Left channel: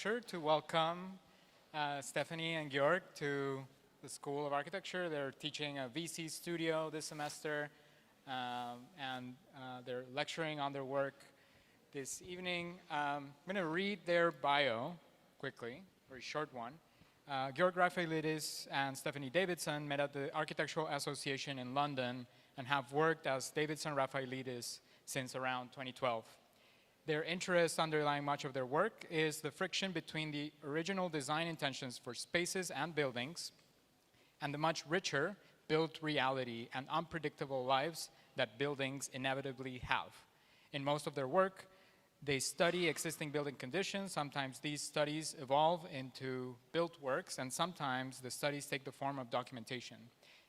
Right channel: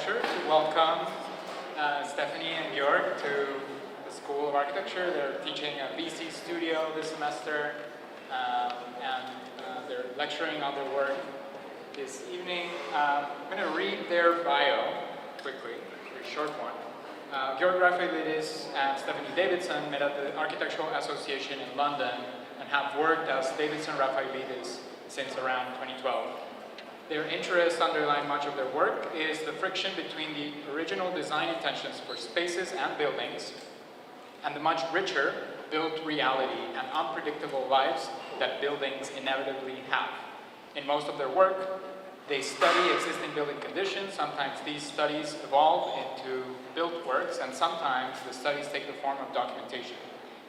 pleasure to welcome Stephanie and Georg to the School of Architecture. They're teaching a VC studio this semester, and they're lecturing on their work this evening. I'm going to read their bio quickly, a very short one. Georg Rafailidis and Stephanie Davidson met at the Architectural Association in London and have worked as Davidson Rafailidis since around 2012. Their interests underlying much of their work is the friction between the original design intentions for spaces and buildings and the much richer built reality and unpredictable lives that buildings inevitably have. In most of their work, they study existing building conditions. Sometimes these studies evolve into built works, and sometimes the studies take the form of documentation,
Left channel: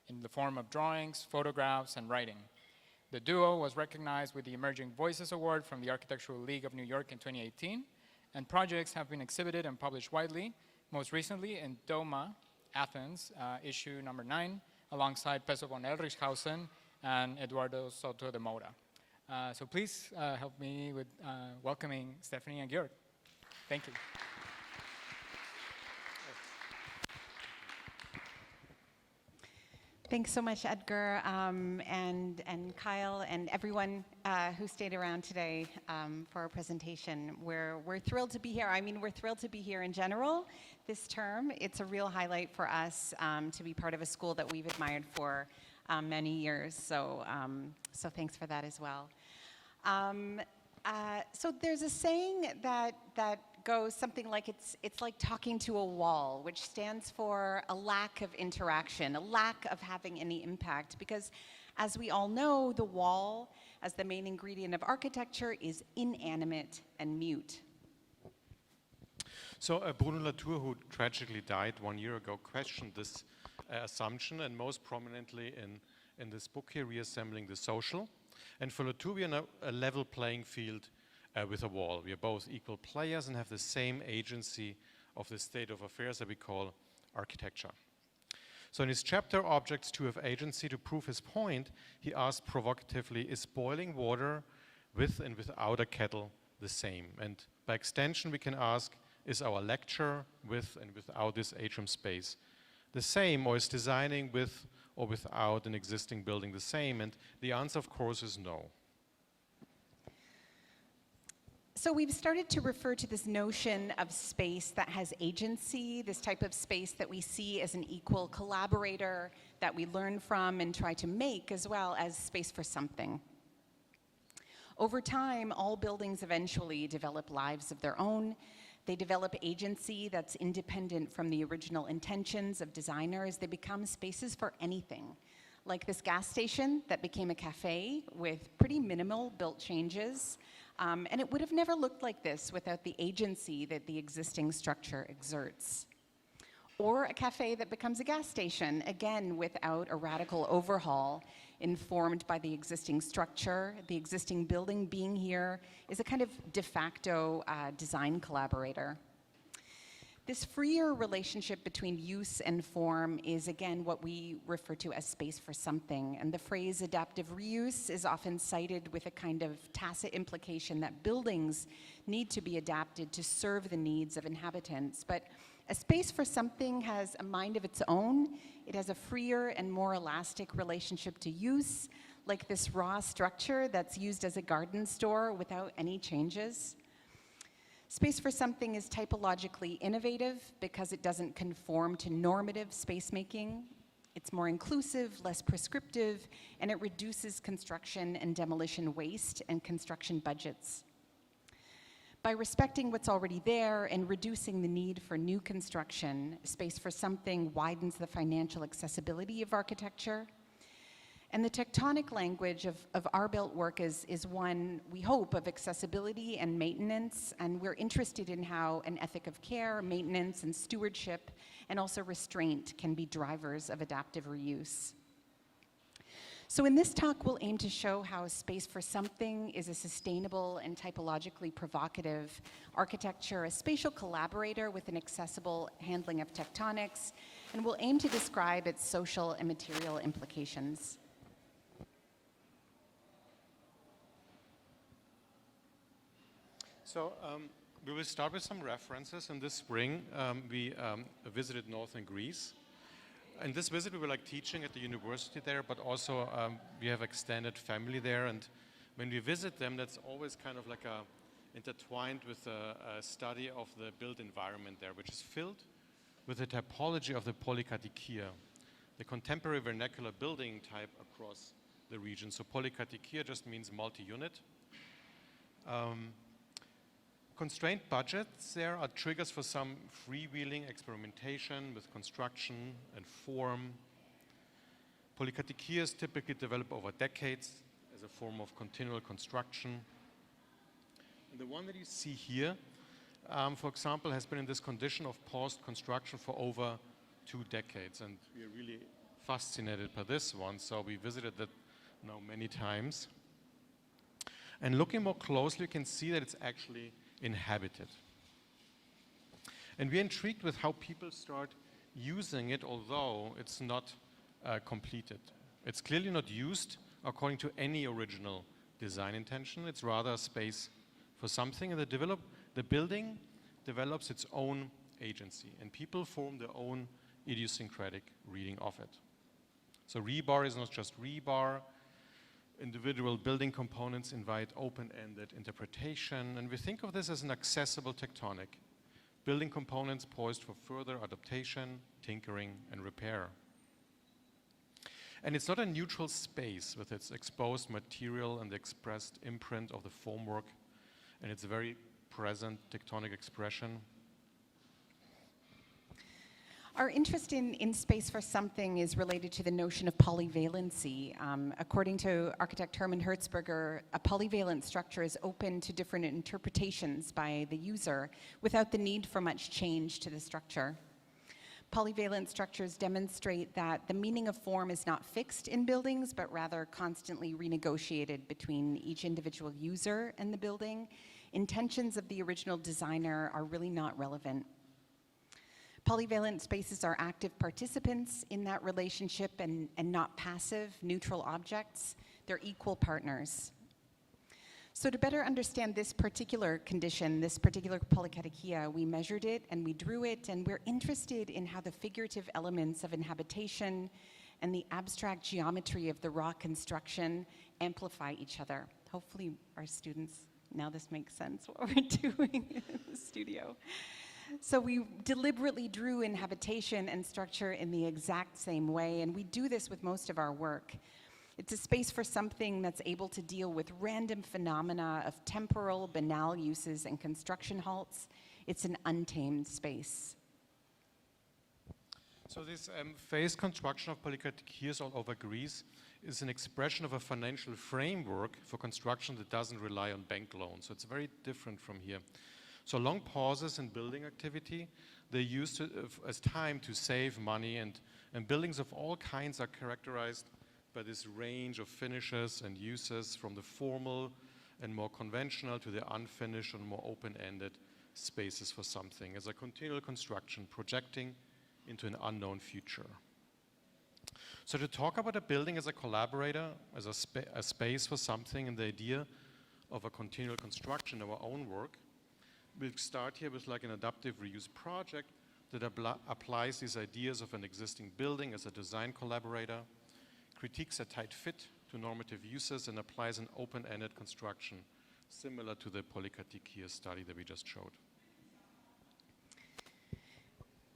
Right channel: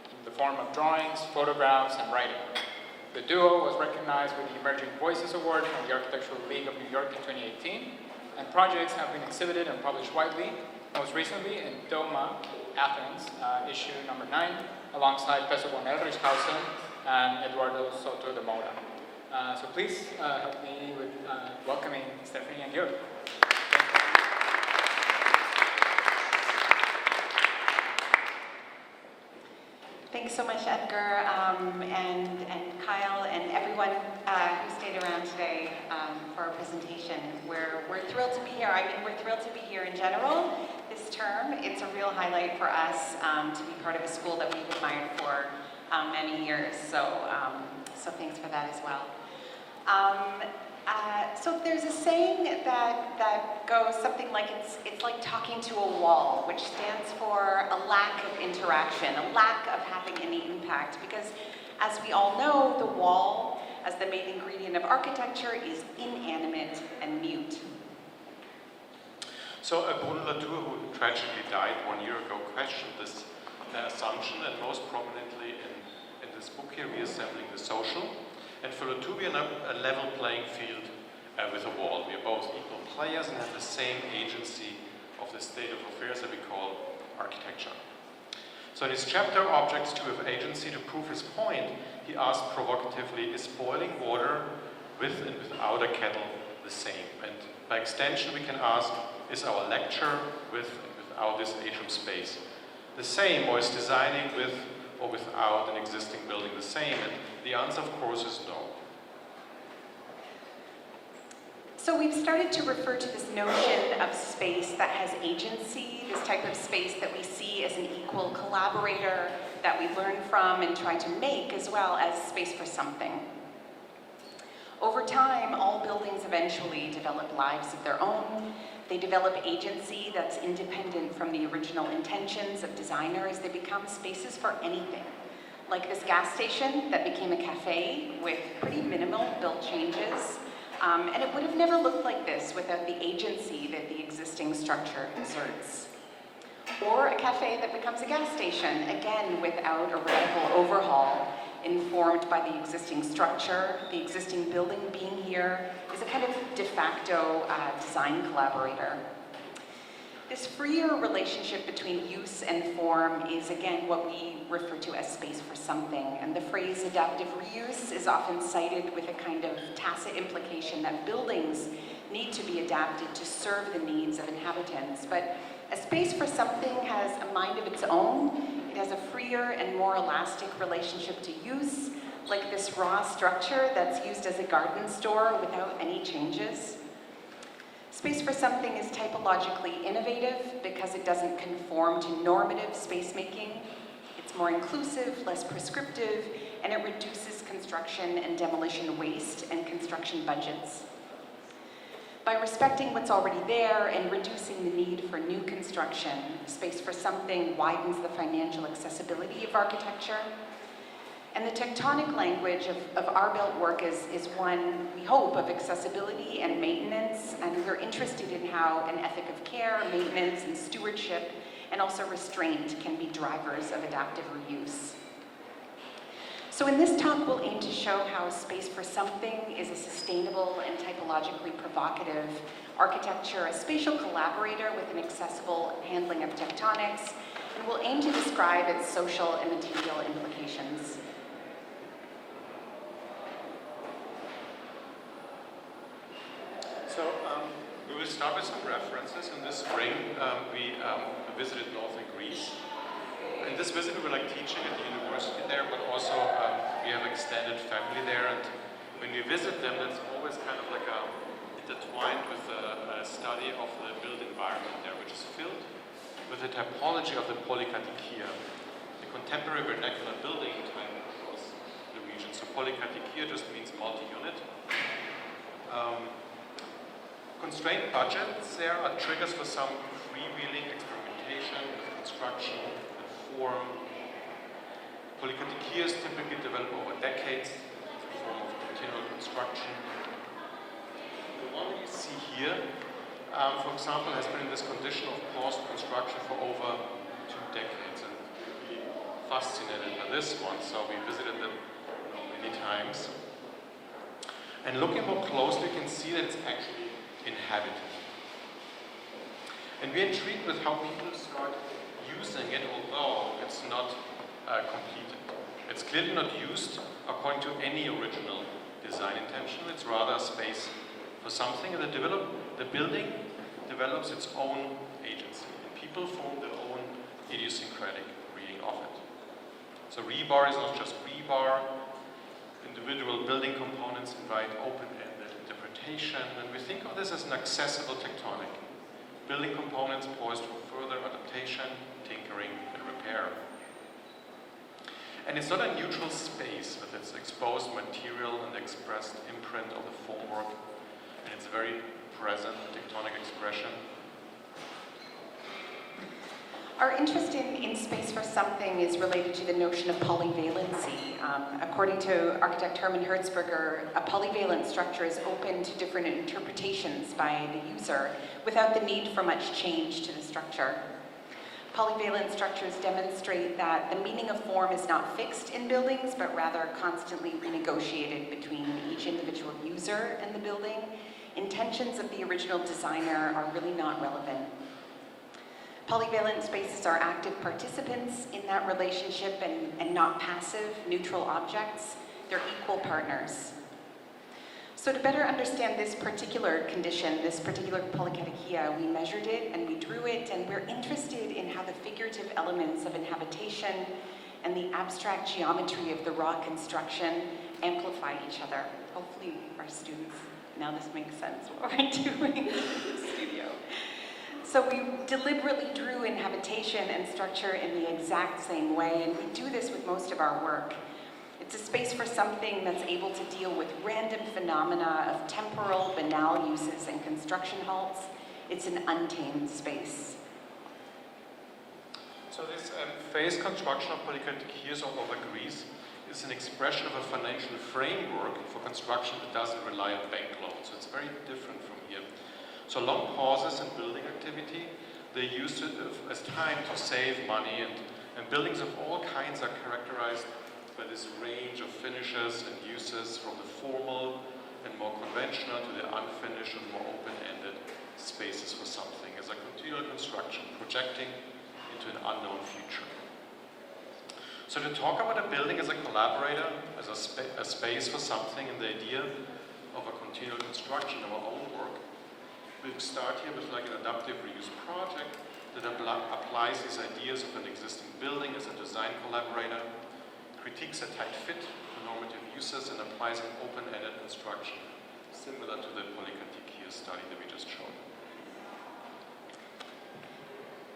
in the form of drawings, photographs, and writing. The duo was recognized with the Emerging Voices Award from the Architectural League of New York in 2018, and projects have been exhibited and published widely, most recently in Doma, Athens, issue number 9, alongside Peso von Errichhausen and Eduardo Soto de Moura. So please help me with welcoming Stephanie and Georg. Thank you. Thanks so much, Edgar, and Kyle, and everyone who stayed around today for our presentation. We're thrilled to be here. I mean, we're thrilled to be here in general this term. It's a real highlight for us to be part of a school that we've admired for many years. So thanks for that as well. So there's a saying that goes something like it's like talking to a wall, which stands for a lack of interaction, a lack of having any impact, because as we all know, the wall, as the main ingredient of architecture, is inanimate and mute. So Bruno Latour, who tragically died 1 year ago, questioned this assumption, and most prominently in this book here, Reassembling the Social. And for Latour, we are on a level playing field with a wall. We are both equal players and have the same agency of the state of affairs that we call architecture. So in his chapter, Objects to Have Agency, to prove his point, he asked provocatively, is boiling water with and without a kettle the same? And by extension, we can ask, is our lecture with and without this atrium space the same, or is designing with or without an existing building the same? And the answer, of course, is no. So we've started to refer to this notion of space that has agency, this type of space that we see as an equal collaborator that we learn from and try to make, as well as space for something. Over time, all buildings eventually develop lives of their own. They develop agency that's independent from the original intentions of designers. They become spaces for anything. Like this gas station that became a cafe with pretty minimal built changes. And it would have never looked like this without the agency that the existing structure exerts. Or a cafe that becomes a gas station, again without a radical overhaul, informed by the existing structure. The existing building being here is a kind of de facto design collaborator. This freer relationship between use and form is, again, what we refer to as space for something. And the phrase adaptive reuse is often cited with a kind of tacit implication that buildings need to be adapted to serve the needs of inhabitants. But a space for something has a mind of its own. It has a freer and more elastic relationship to use, like this raw structure that's used as a garden store without any changes. Space for something is typologically innovative because it doesn't conform to normative space making. It's more inclusive, less prescriptive, and it reduces construction and demolition waste and construction budgets. By respecting what's already there and reducing the need for new construction, space for something widens the financial accessibility of architecture. And the tectonic language of our built work is one, we hope, of accessibility and maintenance, and we're interested in how an ethic of care, maintenance, and stewardship, and also restraint can be drivers of adaptive reuse. So in this talk, we'll aim to show how space for something is a sustainable and typologically provocative architecture, a spatial collaborator with an accessible handling of tectonics, and we'll aim to describe its social and material implications. So we will start with some references. In this spring, we visited northern Greece. And this visit we were like teaching at the university there, but also we have extended family there. And when we visit them, that's always kind of like intertwined with a study of the built environment there, which is filled with the typology of the polykatechia, the contemporary vernacular building type across the region. So polykatechia just means multi-unit. Constrained budgets there are triggers for some freewheeling experimentation with construction and form. Polykatechias typically develop over decades as a form of continual construction. The one that you see here, for example, has been in this condition of paused construction for over 2 decades, and we're really fascinated by this one, so we visited it many times. And looking more closely, you can see that it's actually inhabited. And we're intrigued with how people start using it, although it's not completed. It's clearly not used according to any original design intention. It's rather a space for something, and the building develops its own agency, and people form their own idiosyncratic reading of it. So rebar is not just rebar. Individual building components invite open-ended interpretation, and we think of this as an accessible tectonic. Building components poised for further adaptation, tinkering, and repair. And it's not a neutral space with its exposed material and expressed imprint of the formwork, and its very present tectonic expression. Our interest in space for something is related to the notion of polyvalency. According to architect Hermann Hertzberger, a polyvalent structure is open to different interpretations by the user without the need for much change to the structure. Polyvalent structures demonstrate that the meaning of form is not fixed in buildings, but rather constantly renegotiated between each individual user in the building. Intentions of the original designer are really not relevant. Polyvalent spaces are active participants in that relationship and not passive, neutral objects. They're equal partners. So to better understand this particular condition, this particular polykatechia, we measured it and we drew it, and we're interested in how the figurative elements of inhabitation and the abstract geometry of the raw construction amplify each other. Hopefully our students, now this makes sense what we're doing in the studio. So we deliberately drew inhabitation and structure in the exact same way, and we do this with most of our work. It's a space for something that's able to deal with random phenomena of temporal, banal uses and construction halts. It's an untamed space. So this phased construction of polykatechias all over Greece is an expression of a financial framework for construction that doesn't rely on bank loans. So it's very different from here. So long pauses in building activity, they use it as time to save money, and buildings of all kinds are characterized by this range of finishes and uses, from the formal and more conventional to the unfinished and more open-ended spaces for something, as a continual construction projecting into an unknown future. So to talk about a building as a collaborator, as a space for something, and the idea of a continual construction of our own work, we'll start here with like an adaptive reuse project that applies these ideas of an existing building as a design collaborator, critiques a tight fit to normative uses, and applies an open-ended construction similar to the polykatechia study that we just showed.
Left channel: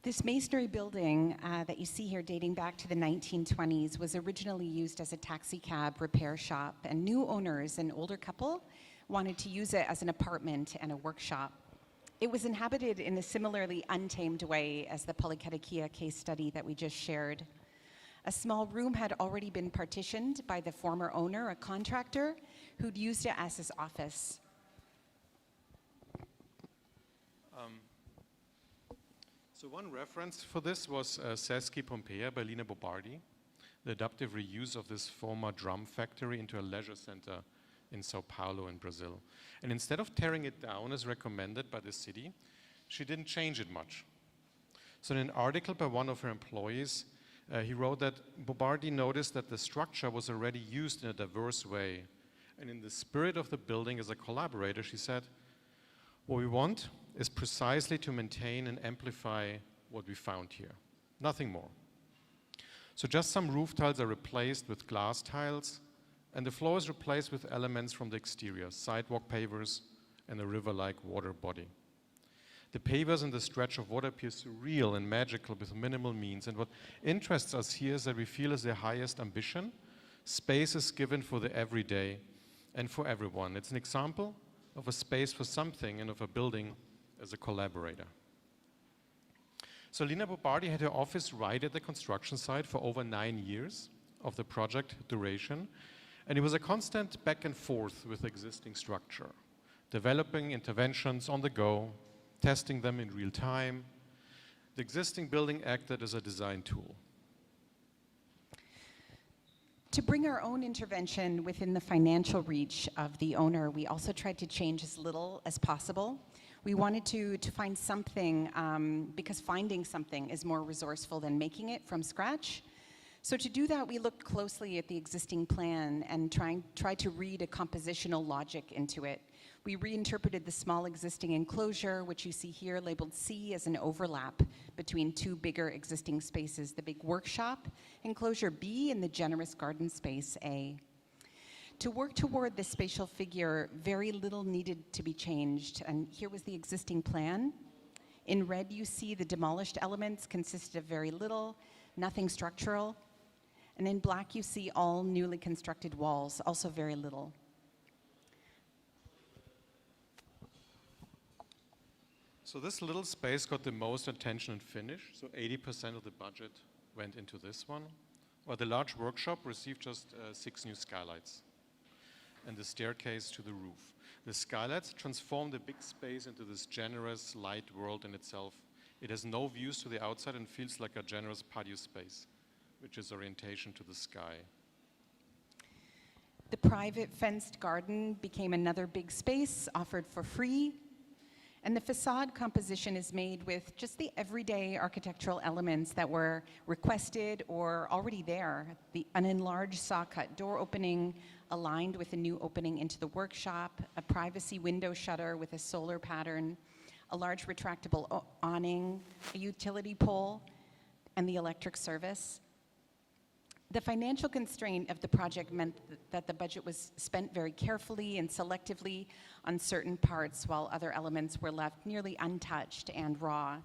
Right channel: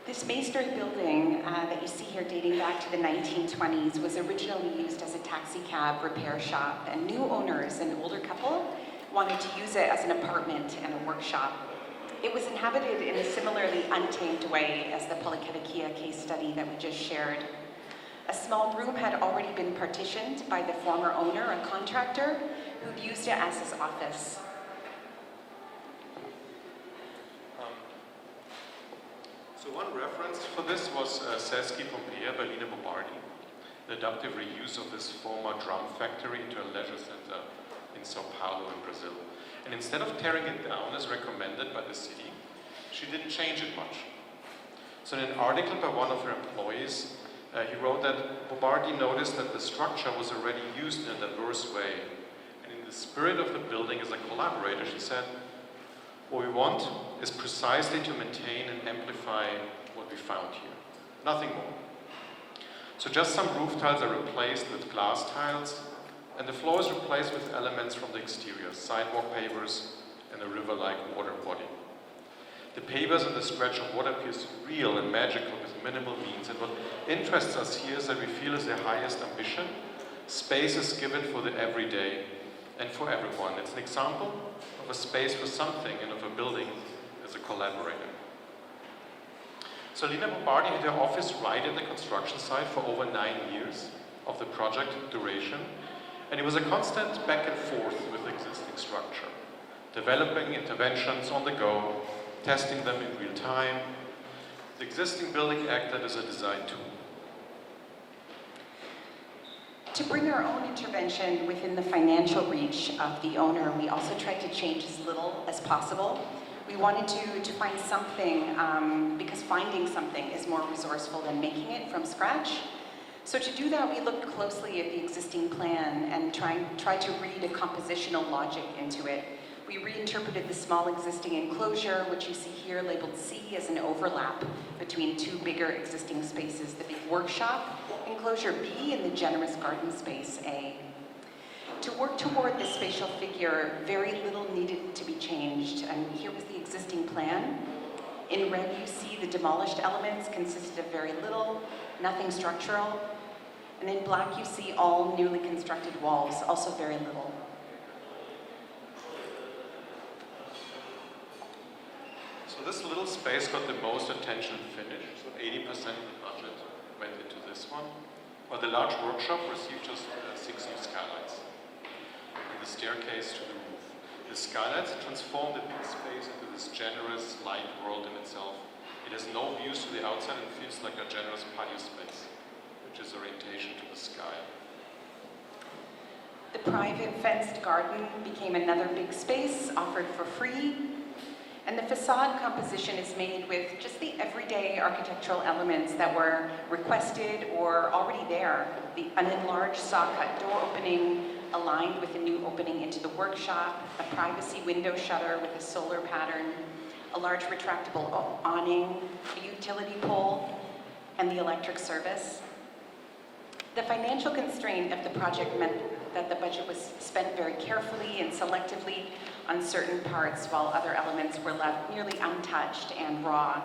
This masonry building that you see here, dating back to the 1920s, was originally used as a taxi cab repair shop, and new owners, an older couple, wanted to use it as an apartment and a workshop. It was inhabited in a similarly untamed way as the polykatechia case study that we just shared. A small room had already been partitioned by the former owner, a contractor, who'd used it as his office. So one reference for this was Seschi Pompea by Lina Bobardi, the adaptive reuse of this former drum factory into a leisure center in Sao Paulo in Brazil. And instead of tearing it down as recommended by the city, she didn't change it much. So in an article by one of her employees, he wrote that Bobardi noticed that the structure was already used in a diverse way. And in the spirit of the building as a collaborator, she said, What we want is precisely to maintain and amplify what we found here. Nothing more. So just some roof tiles are replaced with glass tiles, and the floor is replaced with elements from the exterior, sidewalk pavers and a river-like water body. The pavers and the scratch of water appears real and magical with minimal means, and what interests us here is that we feel is the highest ambition. Space is given for the everyday and for everyone. It's an example of a space for something and of a building as a collaborator. So Lina Bobardi had her office right at the construction site for over 9 years of the project duration, and it was a constant back and forth with the existing structure, developing interventions on the go, testing them in real time. The existing building acted as a design tool. To bring our own intervention within the financial reach of the owner, we also tried to change as little as possible. We wanted to find something, because finding something is more resourceful than making it from scratch. So to do that, we looked closely at the existing plan and tried to read a compositional logic into it. We reinterpreted the small existing enclosure, which you see here labeled C, as an overlap between two bigger existing spaces, the big workshop enclosure B and the generous garden space A. To work toward this spatial figure, very little needed to be changed, and here was the existing plan. In red, you see the demolished elements consisted of very little, nothing structural, and in black, you see all newly constructed walls, also very little. So this little space got the most attention finish, so 80% of the budget went into this one, while the large workshop received just 6 new skylights and the staircase to the roof. The skylights transform the big space into this generous, light world in itself. It has no views to the outside and feels like a generous patio space, which is orientation to the sky. The private fenced garden became another big space offered for free. And the facade composition is made with just the everyday architectural elements that were requested or already there. An enlarged saw-cut door opening aligned with a new opening into the workshop, a privacy window shutter with a solar pattern, a large retractable awning, a utility pole, and the electric service. The financial constraint of the project meant that the budget was spent very carefully and selectively on certain parts, while other elements were left nearly untouched and raw.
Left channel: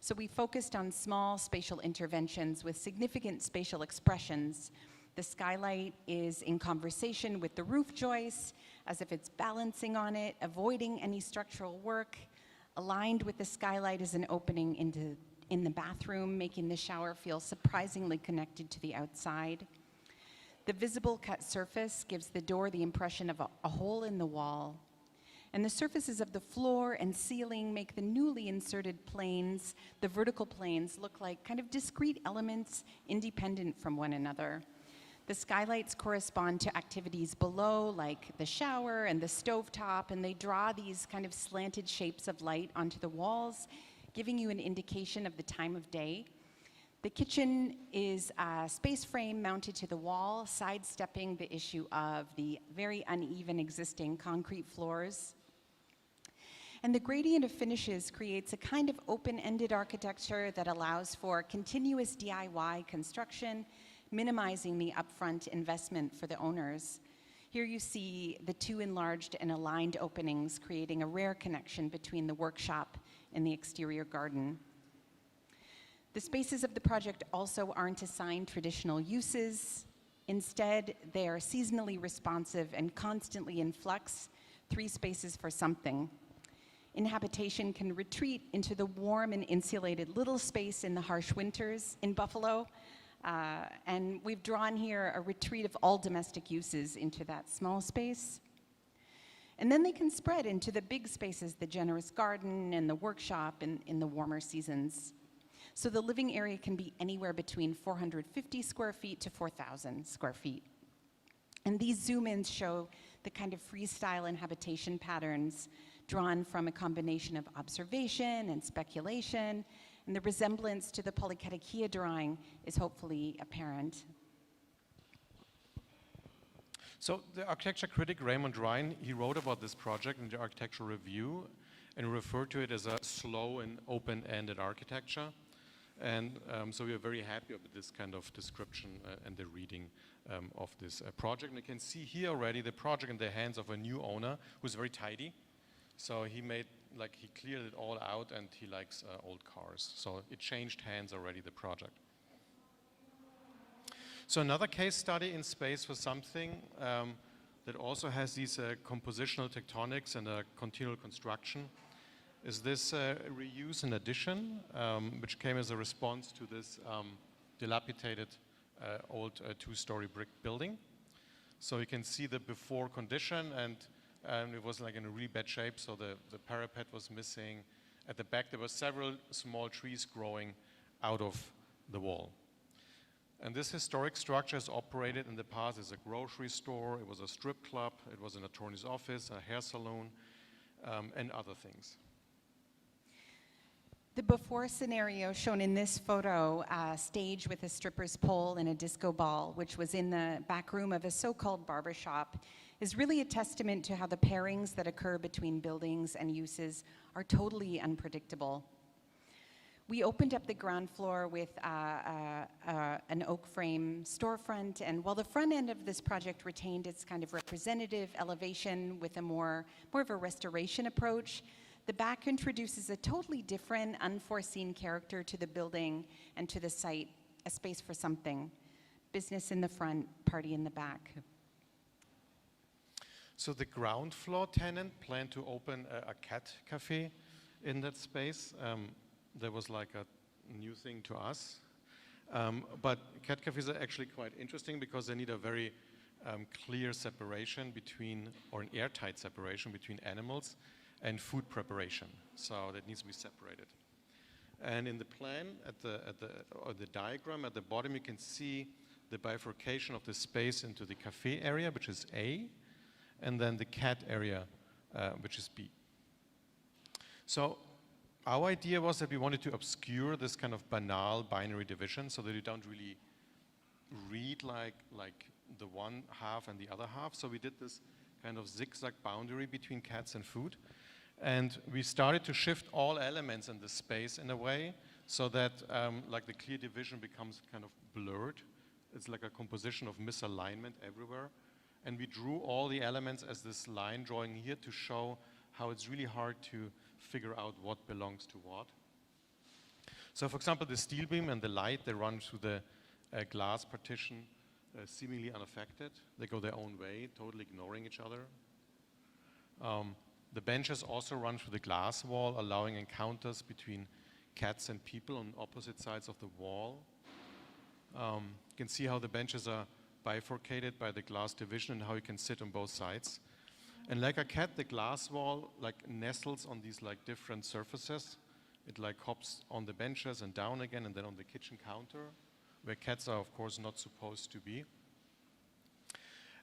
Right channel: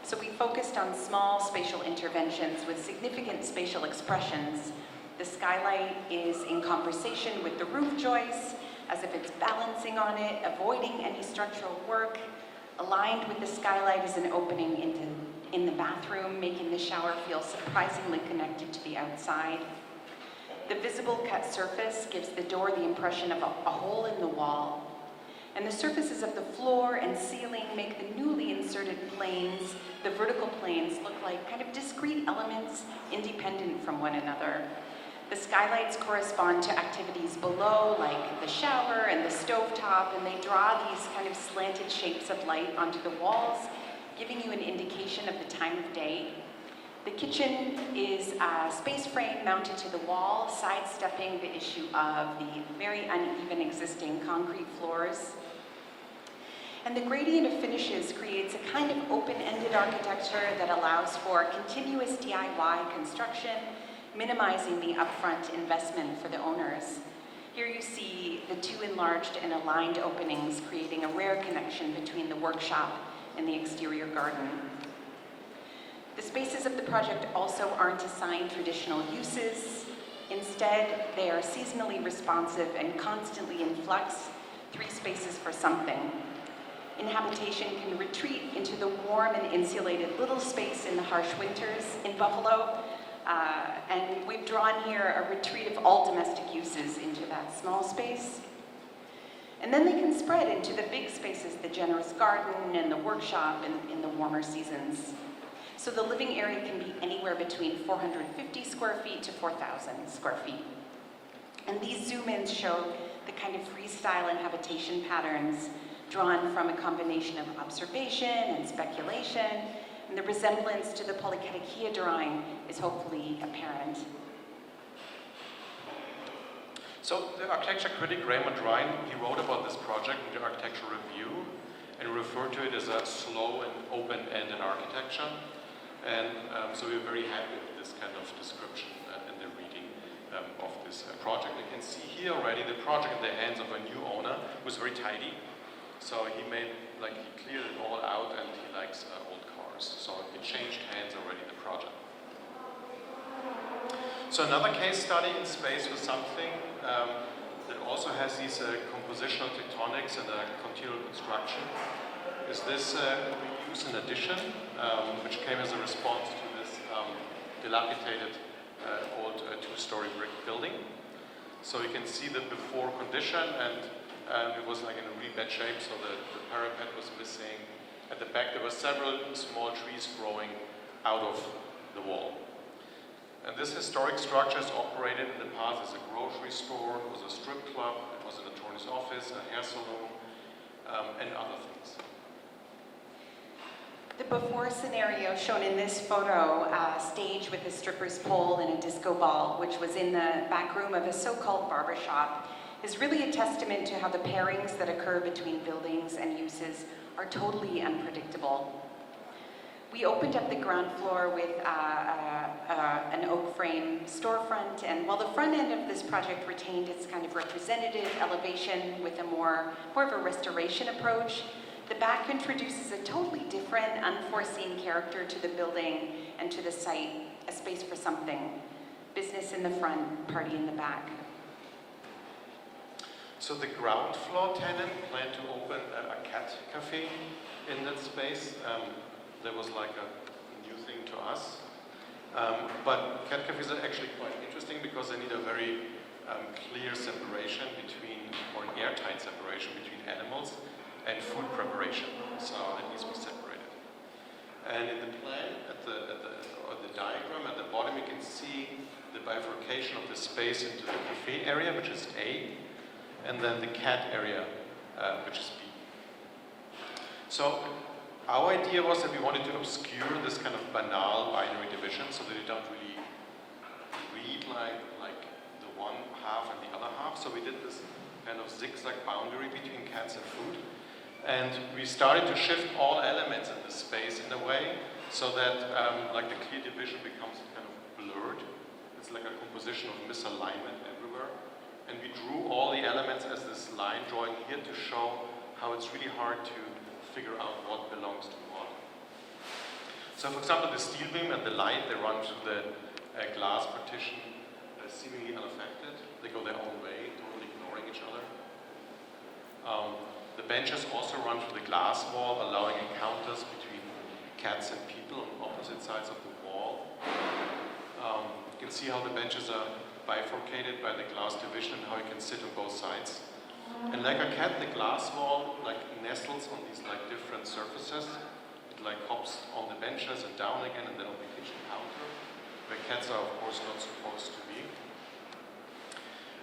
So we focused on small spatial interventions with significant spatial expressions. The skylight is in conversation with the roof joists, as if it's balancing on it, avoiding any structural work. Aligned with the skylight is an opening in the bathroom, making the shower feel surprisingly connected to the outside. The visible cut surface gives the door the impression of a hole in the wall. And the surfaces of the floor and ceiling make the newly inserted planes, the vertical planes, look like kind of discrete elements independent from one another. The skylights correspond to activities below, like the shower and the stovetop, and they draw these kind of slanted shapes of light onto the walls, giving you an indication of the time of day. The kitchen is a space frame mounted to the wall, sidestepping the issue of the very uneven existing concrete floors. And the gradient of finishes creates a kind of open-ended architecture that allows for continuous DIY construction, minimizing the upfront investment for the owners. Here you see the two enlarged and aligned openings, creating a rare connection between the workshop and the exterior garden. The spaces of the project also aren't assigned traditional uses. Instead, they are seasonally responsive and constantly in flux, 3 spaces for something. Inhabitation can retreat into the warm and insulated little space in the harsh winters in Buffalo, and we've drawn here a retreat of all domestic uses into that small space. And then they can spread into the big spaces, the generous garden and the workshop in the warmer seasons. So the living area can be anywhere between 450 square feet to 4,000 square feet. And these zoom-ins show the kind of freestyle inhabitation patterns drawn from a combination of observation and speculation, and the resemblance to the Polyketikia drawing is hopefully apparent. So the architecture critic Raymond Ryan, he wrote about this project in the Architectural Review, and refer to it as a slow and open-ended architecture. And so we're very happy with this kind of description and the reading of this project. You can see here already the project in the hands of a new owner who's very tidy. So he cleared it all out, and he likes old cars. So it changed hands already, the project. So another case study in space was something that also has these compositional tectonics and continual construction. Is this reuse and addition, which came as a response to this dilapidated old two-story brick building. So you can see that before condition, and it was like in a really bad shape, so the parapet was missing. At the back there were several small trees growing out of the wall. And this historic structure is operated in the past as a grocery store, it was a strip club, it was an attorney's office, a hair salon, and other things. The before scenario shown in this photo, stage with a stripper's pole and a disco ball, which was in the back room of a so-called barbershop, is really a testament to how the pairings that occur between buildings and uses are totally unpredictable. We opened up the ground floor with an oak frame storefront, and while the front end of this project retained its kind of representative elevation with a more of a restoration approach, the back introduces a totally different, unforeseen character to the building and to the site, a space for something. Business in the front, party in the back. So the ground floor tenant planned to open a cat cafe in that space. That was like a new thing to us. But cat cafes are actually quite interesting because they need a very clear separation between, or an airtight separation between animals and food preparation. So that needs to be separated. And in the plan, or the diagram at the bottom, you can see the bifurcation of the space into the cafe area, which is A, and then the cat area, which is B. So our idea was that we wanted to obscure this kind of banal binary division so that you don't really read like the one half and the other half. So we did this kind of zigzag boundary between cats and food. And we started to shift all elements in the space in a way so that like the clear division becomes kind of blurred. It's like a composition of misalignment everywhere. And we drew all the elements as this line drawing here to show how it's really hard to figure out what belongs to what. So for example, the steel beam and the light, they run through the glass partition seemingly unaffected. They go their own way, totally ignoring each other. The benches also run through the glass wall, allowing encounters between cats and people on opposite sides of the wall. You can see how the benches are bifurcated by the glass division and how you can sit on both sides. And like a cat, the glass wall like nestles on these like different surfaces. It like hops on the benches and down again, and then on the kitchen counter, where cats are of course not supposed to be.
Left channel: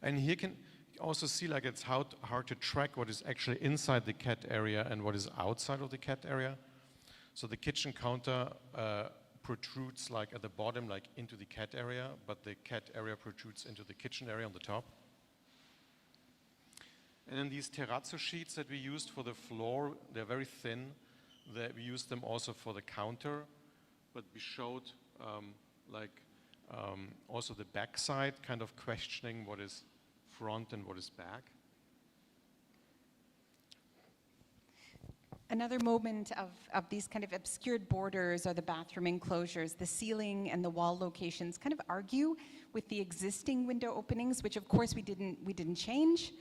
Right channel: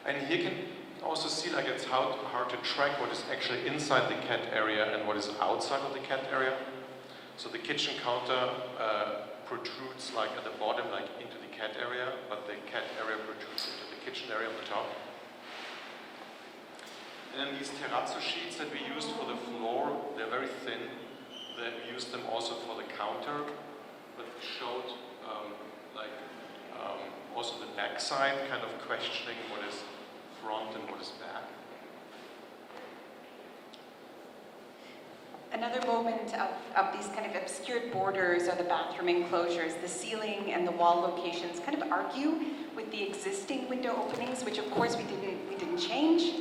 And here you can also see like it's hard to track what is actually inside the cat area and what is outside of the cat area. So the kitchen counter protrudes like at the bottom, like into the cat area, but the cat area protrudes into the kitchen area on the top. And then these terrazzo sheets that we used for the floor, they're very thin. We used them also for the counter, but we showed also the back side, kind of questioning what is front and what is back. Another moment of these kind of obscured borders are the bathroom enclosures. The ceiling and the wall locations kind of argue with the existing window openings, which of course we didn't change.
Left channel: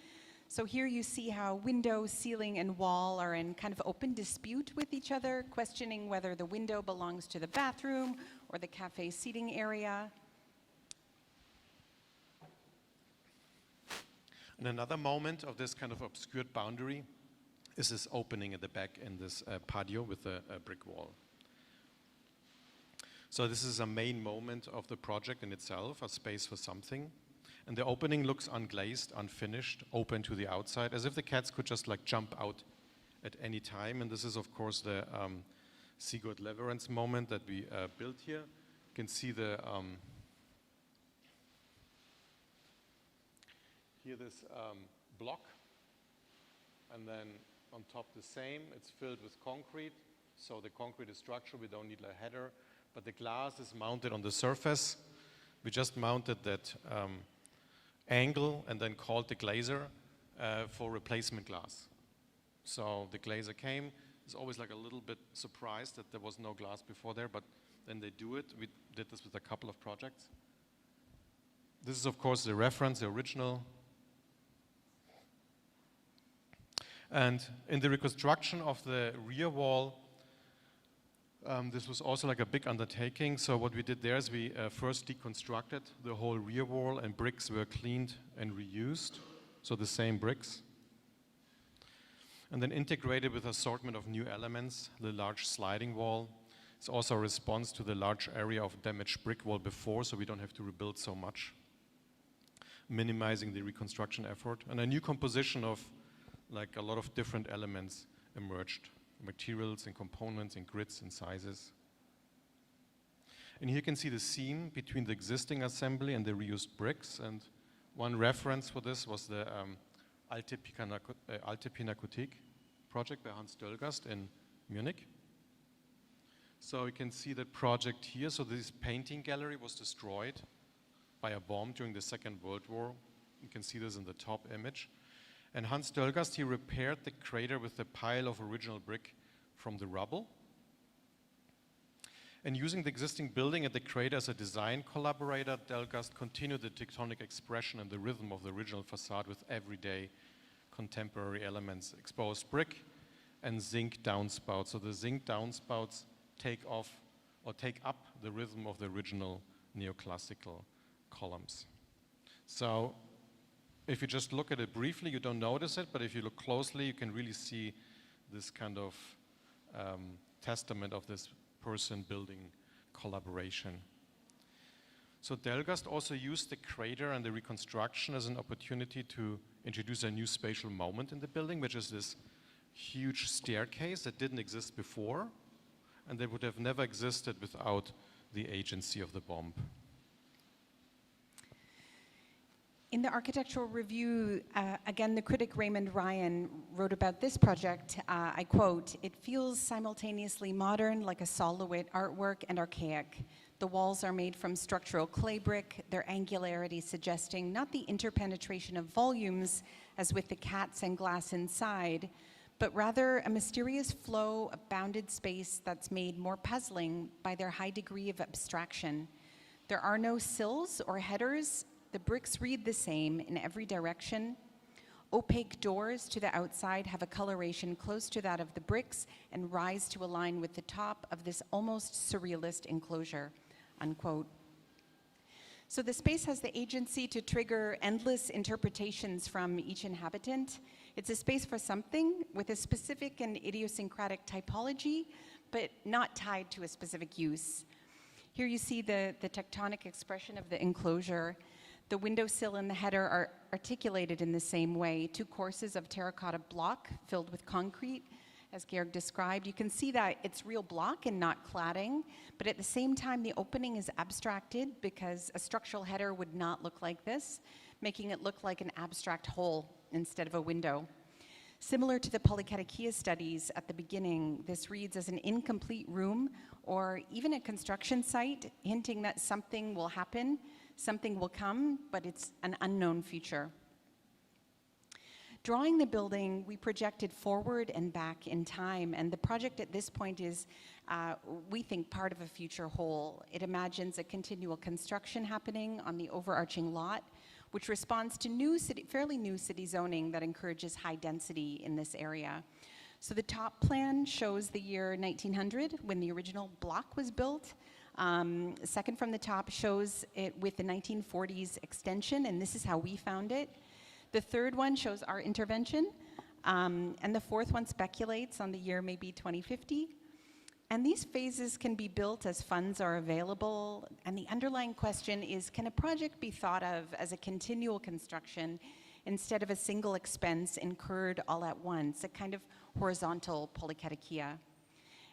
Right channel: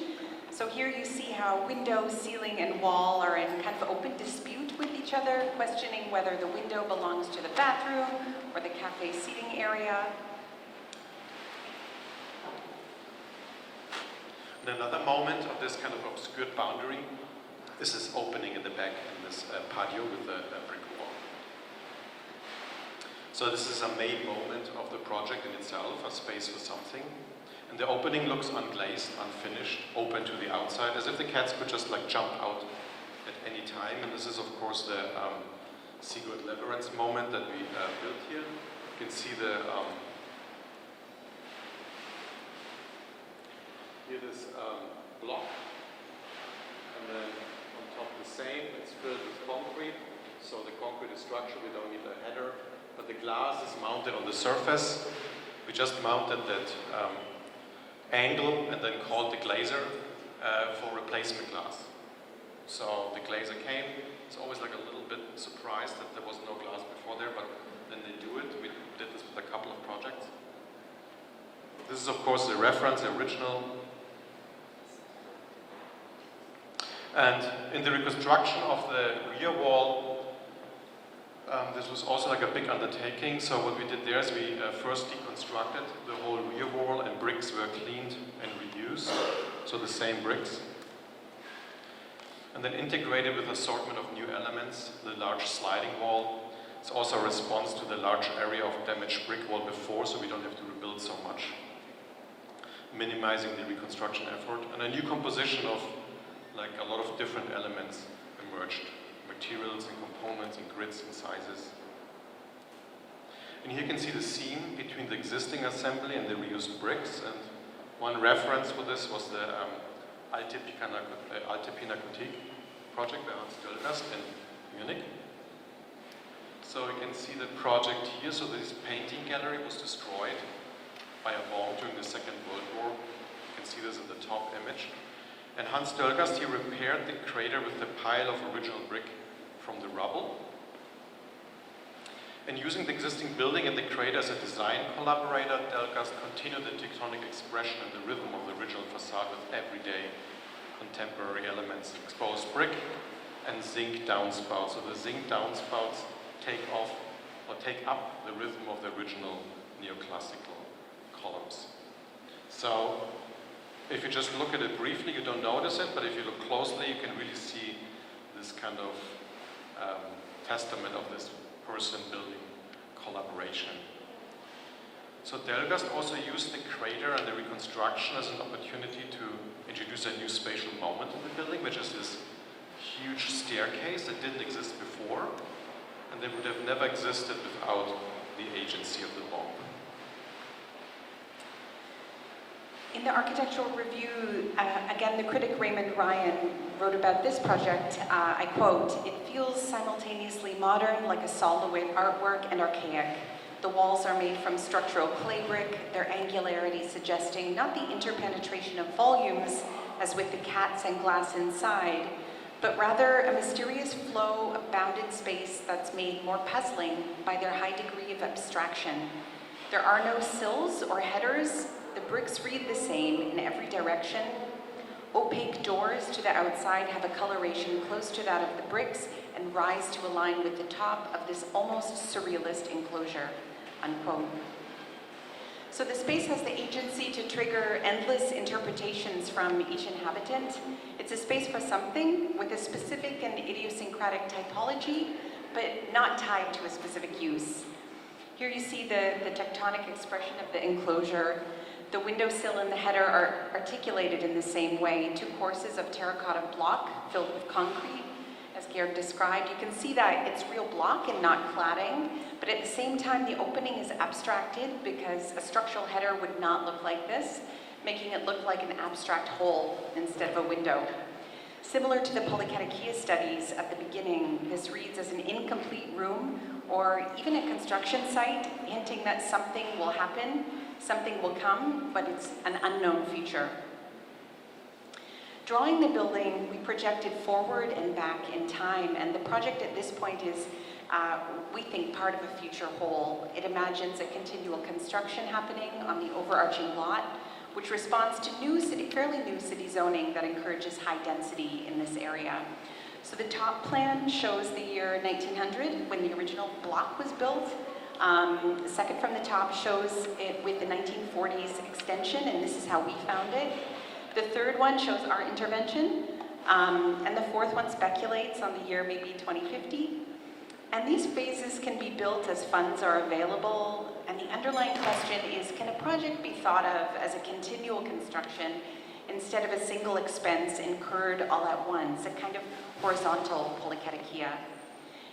So here you see how window, ceiling, and wall are in kind of open dispute with each other, questioning whether the window belongs to the bathroom or the cafe seating area. And another moment of this kind of obscured boundary is this opening at the back in this patio with a brick wall. So this is a main moment of the project in itself, a space for something. And the opening looks unglazed, unfinished, open to the outside, as if the cats could just like jump out at any time. And this is of course the Sigurd Leverance moment that we built here. You can see the here this block, and then on top this same. It's filled with concrete, so the concrete is structural. We don't need a header. But the glass is mounted on the surface. We just mounted that angle and then called the glazer for replacement glass. So the glazer came. It's always like a little bit surprised that there was no glass before there, but then they do it. We did this with a couple of projects. This is of course the reference, the original. And in the reconstruction of the rear wall, this was also like a big undertaking. So what we did there is we first deconstructed the whole rear wall, and bricks were cleaned and reused, so the same bricks. And then integrated with assortment of new elements, the large sliding wall. It's also a response to the large area of damaged brick wall before, so we don't have to rebuild so much. Minimizing the reconstruction effort. And a new composition of like a lot of different elements emerged. Materials and components and grids and sizes. And here you can see the seam between the existing assembly and the reused bricks. And one reference for this was the Alte Pinakothek project by Hans Dölgast in Munich. So you can see the project here. So this painting gallery was destroyed by a bomb during the Second World War. You can see this in the top image. And Hans Dölgast, he repaired the crater with a pile of original brick from the rubble. And using the existing building and the crater as a design collaborator, Dölgast continued the tectonic expression and the rhythm of the original facade with everyday contemporary elements, exposed brick and zinc downspouts. So the zinc downspouts take up the rhythm of the original neoclassical columns. So if you just look at it briefly, you don't notice it, but if you look closely, you can really see this kind of testament of this person-building collaboration. So Dölgast also used the crater and the reconstruction as an opportunity to introduce a new spatial moment in the building, which is this huge staircase that didn't exist before, and they would have never existed without the agency of the bomb. In the architectural review, again, the critic Raymond Ryan wrote about this project, I quote, "It feels simultaneously modern, like a solid artwork, and archaic. The walls are made from structural clay brick, their angularity suggesting not the interpenetration of volumes, as with the cats and glass inside, but rather a mysterious flow of bounded space that's made more puzzling by their high degree of abstraction. There are no sills or headers. The bricks read the same in every direction. Opaque doors to the outside have a coloration close to that of the bricks and rise to align with the top of this almost surrealist enclosure," unquote. So the space has the agency to trigger endless interpretations from each inhabitant. It's a space for something with a specific and idiosyncratic typology, but not tied to a specific use. Here you see the tectonic expression of the enclosure. The windowsill and the header are articulated in the same way, two courses of terracotta block filled with concrete. As Georg described, you can see that it's real block and not cladding, but at the same time the opening is abstracted because a structural header would not look like this, making it look like an abstract hole instead of a window. Similar to the polycatakia studies at the beginning, this reads as an incomplete room or even a construction site, hinting that something will happen, something will come, but it's an unknown future. Drawing the building, we projected forward and back in time, and the project at this point is, we think, part of a future whole. It imagines a continual construction happening on the overarching lot, which responds to fairly new city zoning that encourages high density in this area. So the top plan shows the year 1900, when the original block was built. The second from the top shows it with the 1940s extension, and this is how we found it. The third one shows our intervention, and the fourth one speculates on the year maybe 2050. And these phases can be built as funds are available, and the underlying question is, can a project be thought of as a continual construction instead of a single expense incurred all at once, a kind of horizontal polycatakia?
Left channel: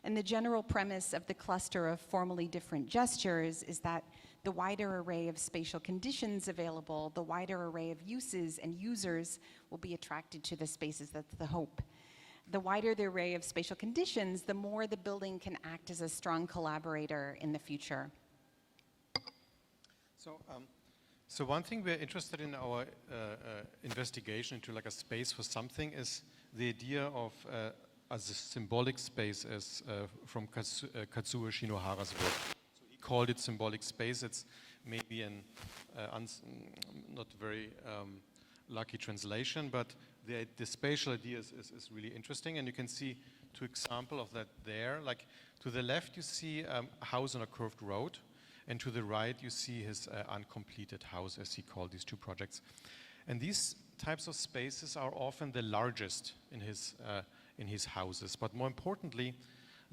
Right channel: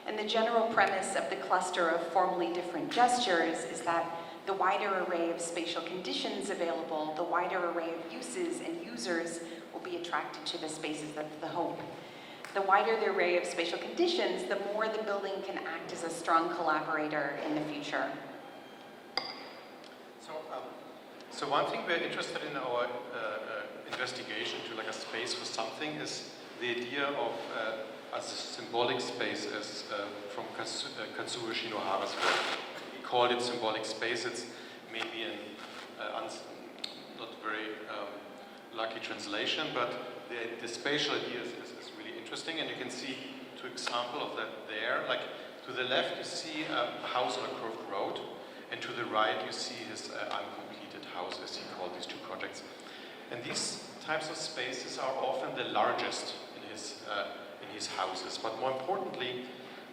And the general premise of the cluster of formally different gestures is that the wider array of spatial conditions available, the wider array of uses and users will be attracted to the spaces. That's the hope. The wider the array of spatial conditions, the more the building can act as a strong collaborator in the future. So one thing we're interested in our investigation to like a space for something is the idea of as a symbolic space as from Katsuo Shinohara's work. He called it symbolic space. It's maybe an not very lucky translation, but the spatial idea is really interesting, and you can see two examples of that there. Like to the left you see a house on a curved road, and to the right you see his uncompleted house, as he called these two projects. And these types of spaces are often the largest in his houses, but more importantly,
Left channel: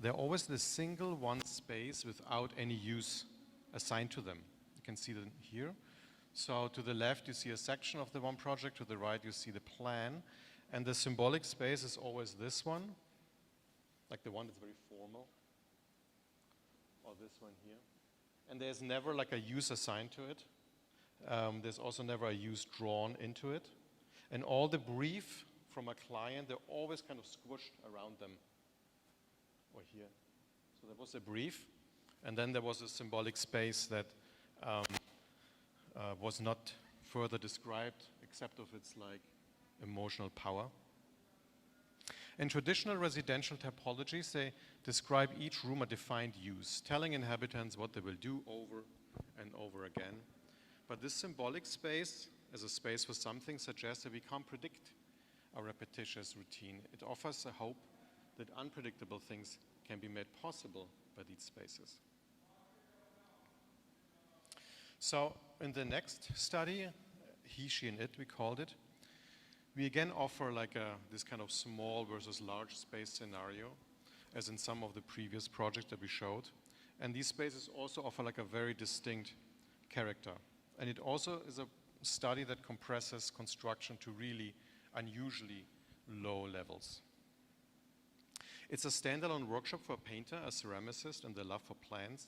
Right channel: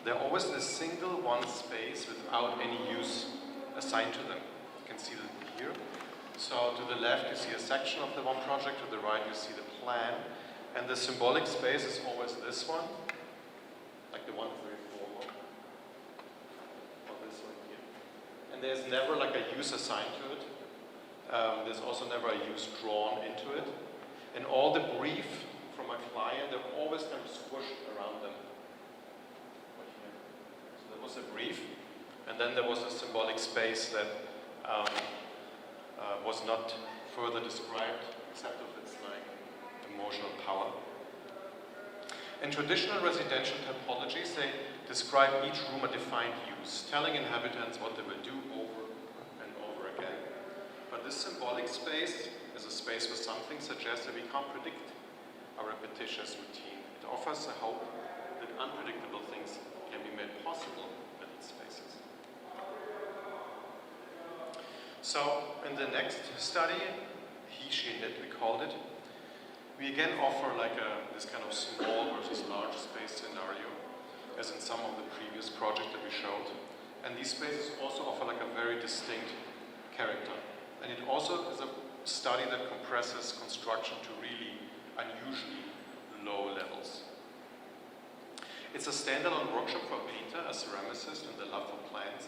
they're always the single one space without any use assigned to them. You can see that here. So to the left you see a section of the one project, to the right you see the plan, and the symbolic space is always this one, like the one very formal, or this one here. And there's never like a use assigned to it. There's also never a use drawn into it. And all the brief from a client, they're always kind of squished around them. Right here. So there was a brief, and then there was a symbolic space that was not further described, except of its like emotional power. In traditional residential typologies, they describe each room a defined use, telling inhabitants what they will do over and over again. But this symbolic space as a space with something suggests that we can't predict a repetitious routine. It offers a hope that unpredictable things can be made possible in these spaces. So in the next study, he, she, and it we called it, we again offer like this kind of small versus large space scenario, as in some of the previous projects that we showed. And these spaces also offer like a very distinct character. And it also is a study that compresses construction to really unusually low levels. It's a standalone workshop for a painter, a ceramicist, and the love for plants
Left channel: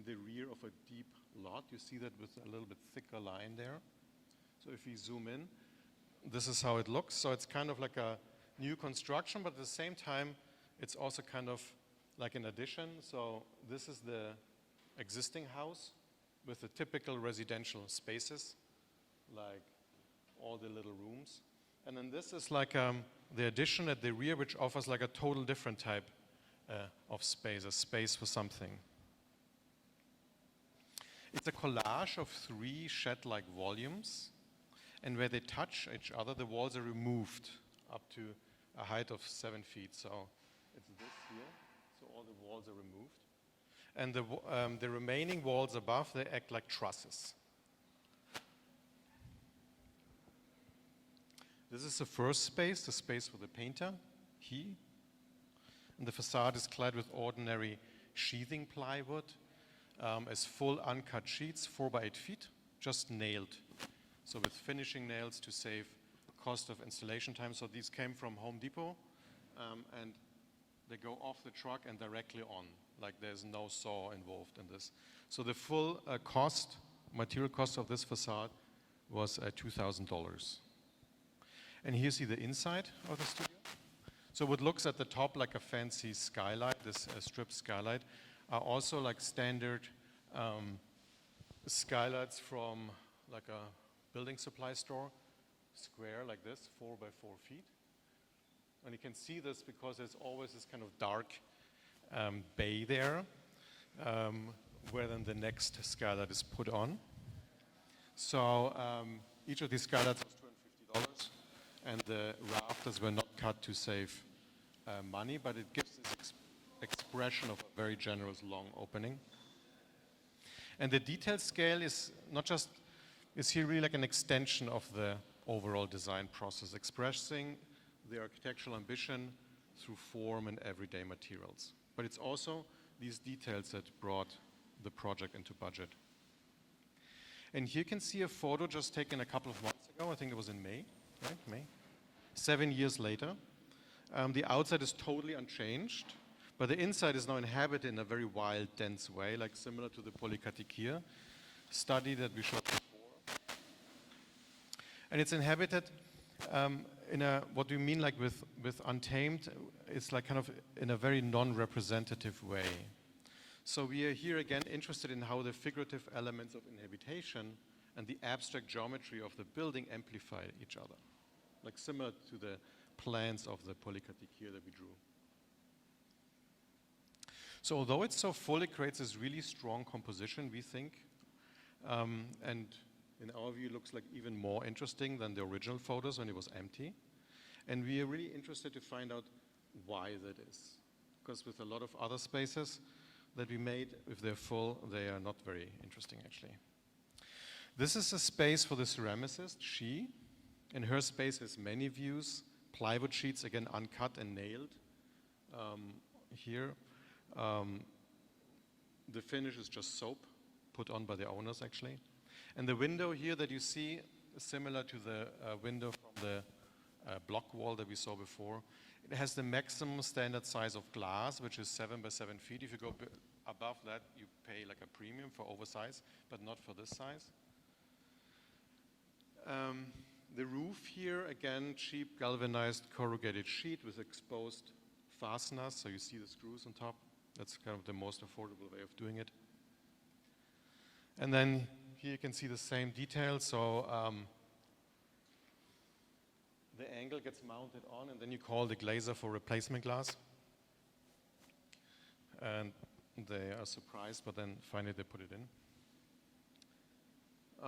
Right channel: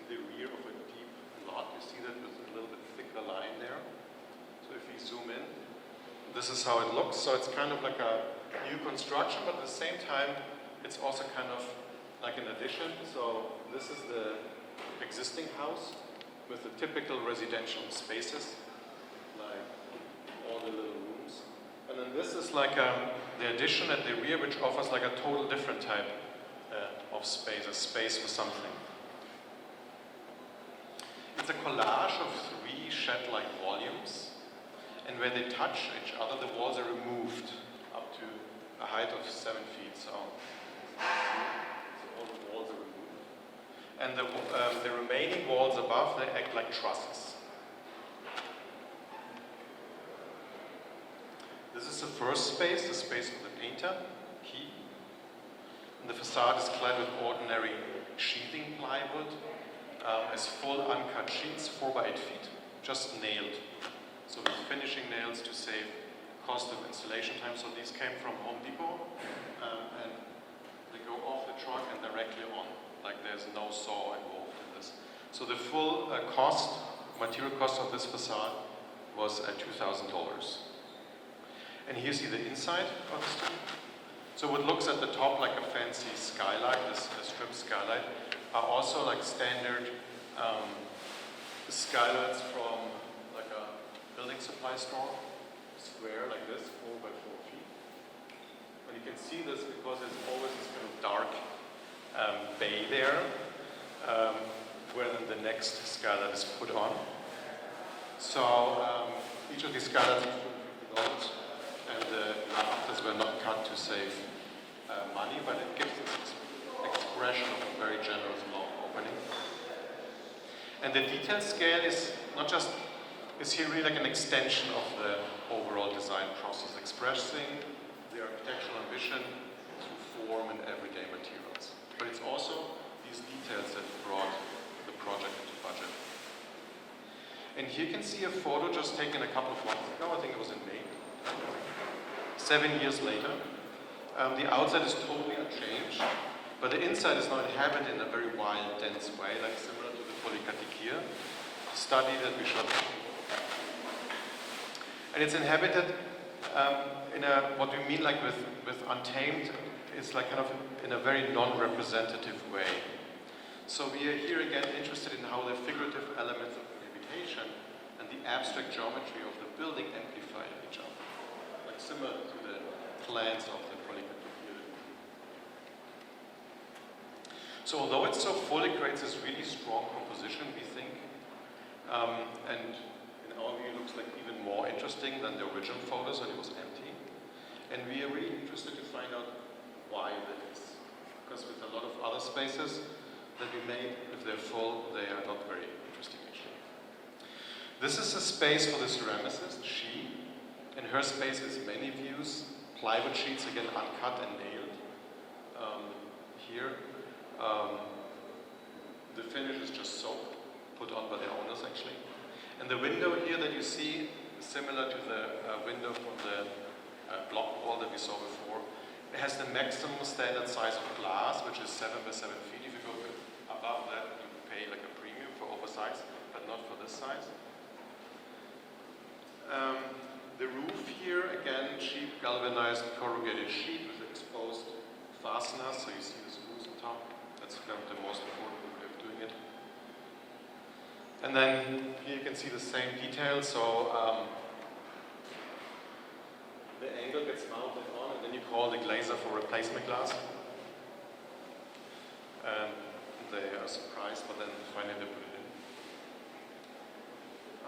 in the rear of a deep lot. You see that with a little bit thicker line there. So if we zoom in, this is how it looks. So it's kind of like a new construction, but at the same time, it's also kind of like an addition. So this is the existing house with the typical residential spaces, like all the little rooms. And then this is like the addition at the rear, which offers like a total different type of space, a space for something. It's a collage of 3 shed-like volumes, and where they touch each other, the walls are removed up to a height of 7 feet. So all the walls are removed. And the remaining walls above, they act like trusses. This is the first space, the space of the painter, he. And the facade is clad with ordinary sheathing plywood, as full uncut sheets, 4 by 8 feet, just nailed. So with finishing nails to save cost of installation time. So these came from Home Depot, and they go off the truck and directly on. Like there's no saw involved in this. So the full material cost of this facade was $2,000. And here you see the inside of the strip. So what looks at the top like a fancy skylight, this strip skylight, are also like standard skylights from like a building supply store, square like this, 4 by 4 feet. And you can see this because there's always this kind of dark bay there, where then the next skylight is put on. So each of these skylights is built, and the rafters were not cut to save money, but it gives this expression of very generous long opening. And the detail scale is not just, is here really like an extension of the overall design process, expressing the architectural ambition through form and everyday materials. But it's also these details that brought the project into budget. And here you can see a photo just taken a couple of months ago, I think it was in May, 7 years later. The outside is totally unchanged, but the inside is now inhabited in a very wild, dense way, like similar to the Polykatikir study that we showed. And it's inhabited in a, what we mean like with untamed it's like kind of in a very non-representative way. So we are here again interested in how the figurative elements of the habitation and the abstract geometry of the building amplify each other, like similar to the plans of the predicate field. So although it's so full, it creates this really strong composition, we think, and in our view it looks like even more interesting than the original photos when it was empty. And we are really interested to find out why that is. Because with a lot of other spaces that we made, if they're full, they are not very interesting actually. This is a space for the ceramicist, she. In her space is many views, plywood sheets, again uncut and nailed. Here, the finish is just soap, put on by the owners actually. And the window here that you see is similar to the window from the block wall that we saw before. It has the maximum standard size of glass, which is 7 by 7 feet. If you go above that, you pay like a premium for oversize, but not for this size. The roof here, again, cheap galvanized corrugated sheet with exposed fasteners, so you see the screws on top. That's kind of the most affordable way of doing it. And then here you can see the same detail, so the angle gets mounted on, and then you call the glazer for replacement glass. And they are surprised, but then finally they put it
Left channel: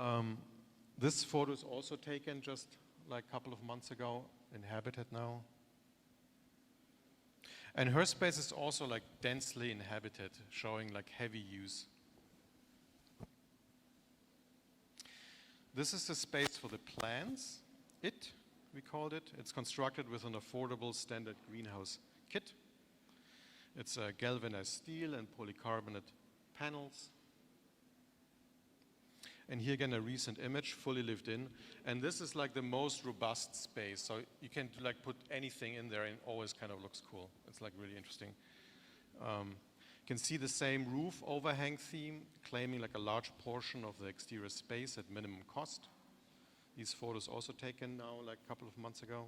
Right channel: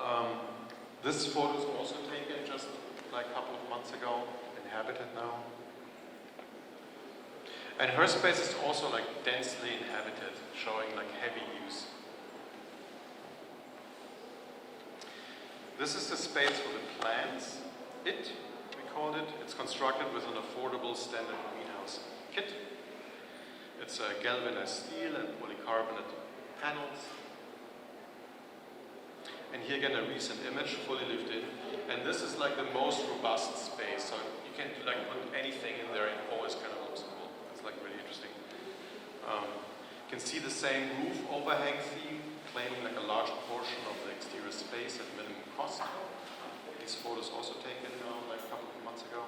in. This photo is also taken just like a couple of months ago, inhabited now. And her space is also like densely inhabited, showing like heavy use. This is the space for the plants. We called it. It's constructed with an affordable standard greenhouse kit. It's galvanized steel and polycarbonate panels. And here again a recent image, fully lived in. And this is like the most robust space. So you can like put anything in there and it always kind of looks cool. It's like really interesting. You can see the same roof overhang theme, claiming like a large portion of the exterior space at minimum cost. These photos also taken now like a couple of months ago.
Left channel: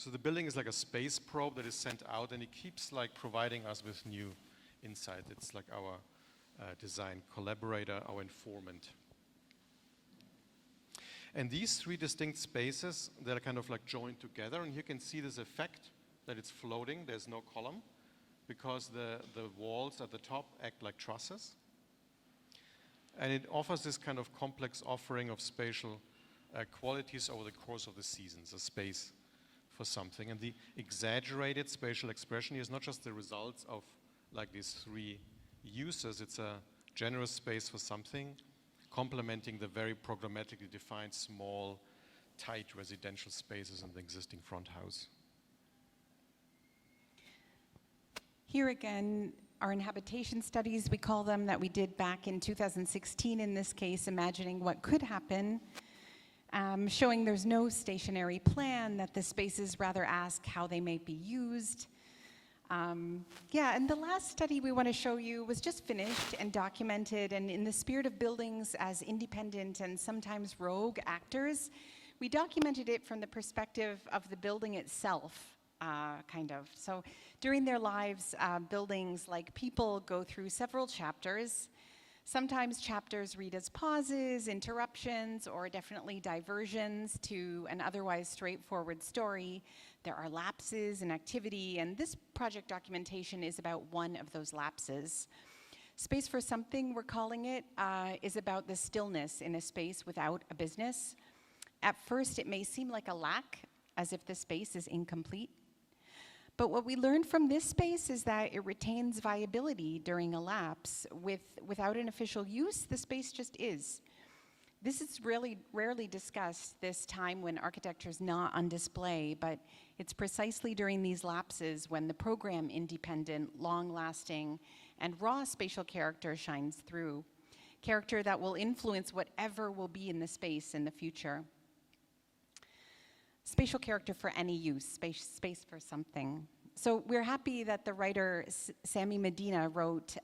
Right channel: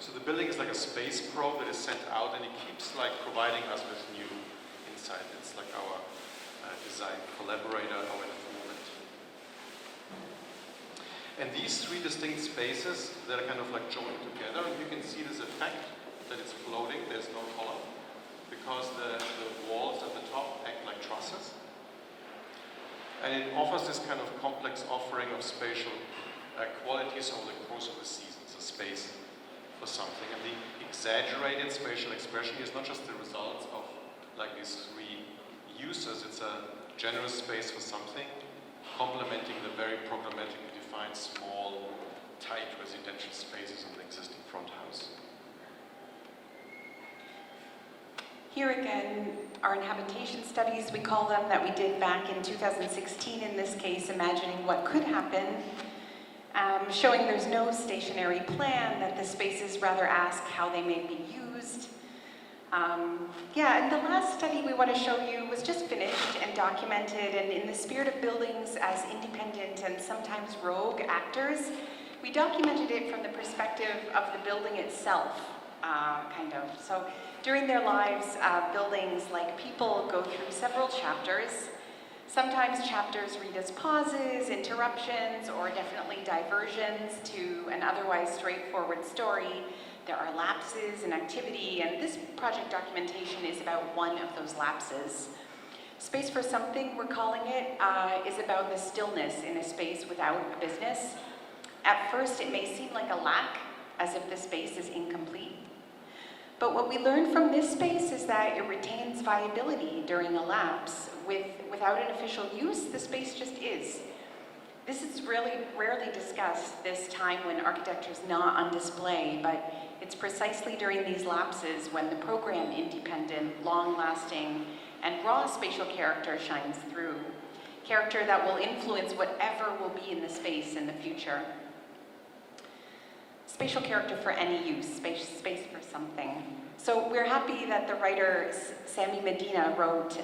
So the building is like a space probe that is sent out, and it keeps like providing us with new insight. It's like our design collaborator, our informant. And these three distinct spaces, they're kind of like joined together, and you can see this effect that it's floating. There's no column because the walls at the top act like trusses. And it offers this kind of complex offering of spatial qualities over the course of the seasons, a space for something. And the exaggerated spatial expression is not just the results of like these three uses, it's a generous space for something, complementing the very programmatically defined small, tight residential spaces in the existing front house. Here again, our inhabitation studies, we call them, that we did back in 2016 in this case, imagining what could happen, showing there's no stationary plan, that the spaces rather ask how they may be used. And the last study we want to show you was just finished and documented, and in the spirit of buildings as independent and sometimes rogue actors, we documented it from the perspective of the building itself, kind of. So during their lives, buildings, like people, go through several chapters. Sometimes chapters read as pauses, interruptions, or definitely diversions to an otherwise straightforward story. There are lapses in activity, and this project documentation is about one of those lapses. Space for Something, we're calling it, is about the stillness in a space without a business. At first, it may seem like a lack, as if the space is incomplete. But what we learned from this space is that it retains viability during a lapse. Without an official use, the space just is. This is really rarely discussed, this time when architecture is not on display, but it's precisely during these lapses when the program-independent, long-lasting, and raw spatial character shines through. Character that will influence whatever will be in the space in the future. Spatial character for any use, space for something. So we're happy that the writer Sammy Medina wrote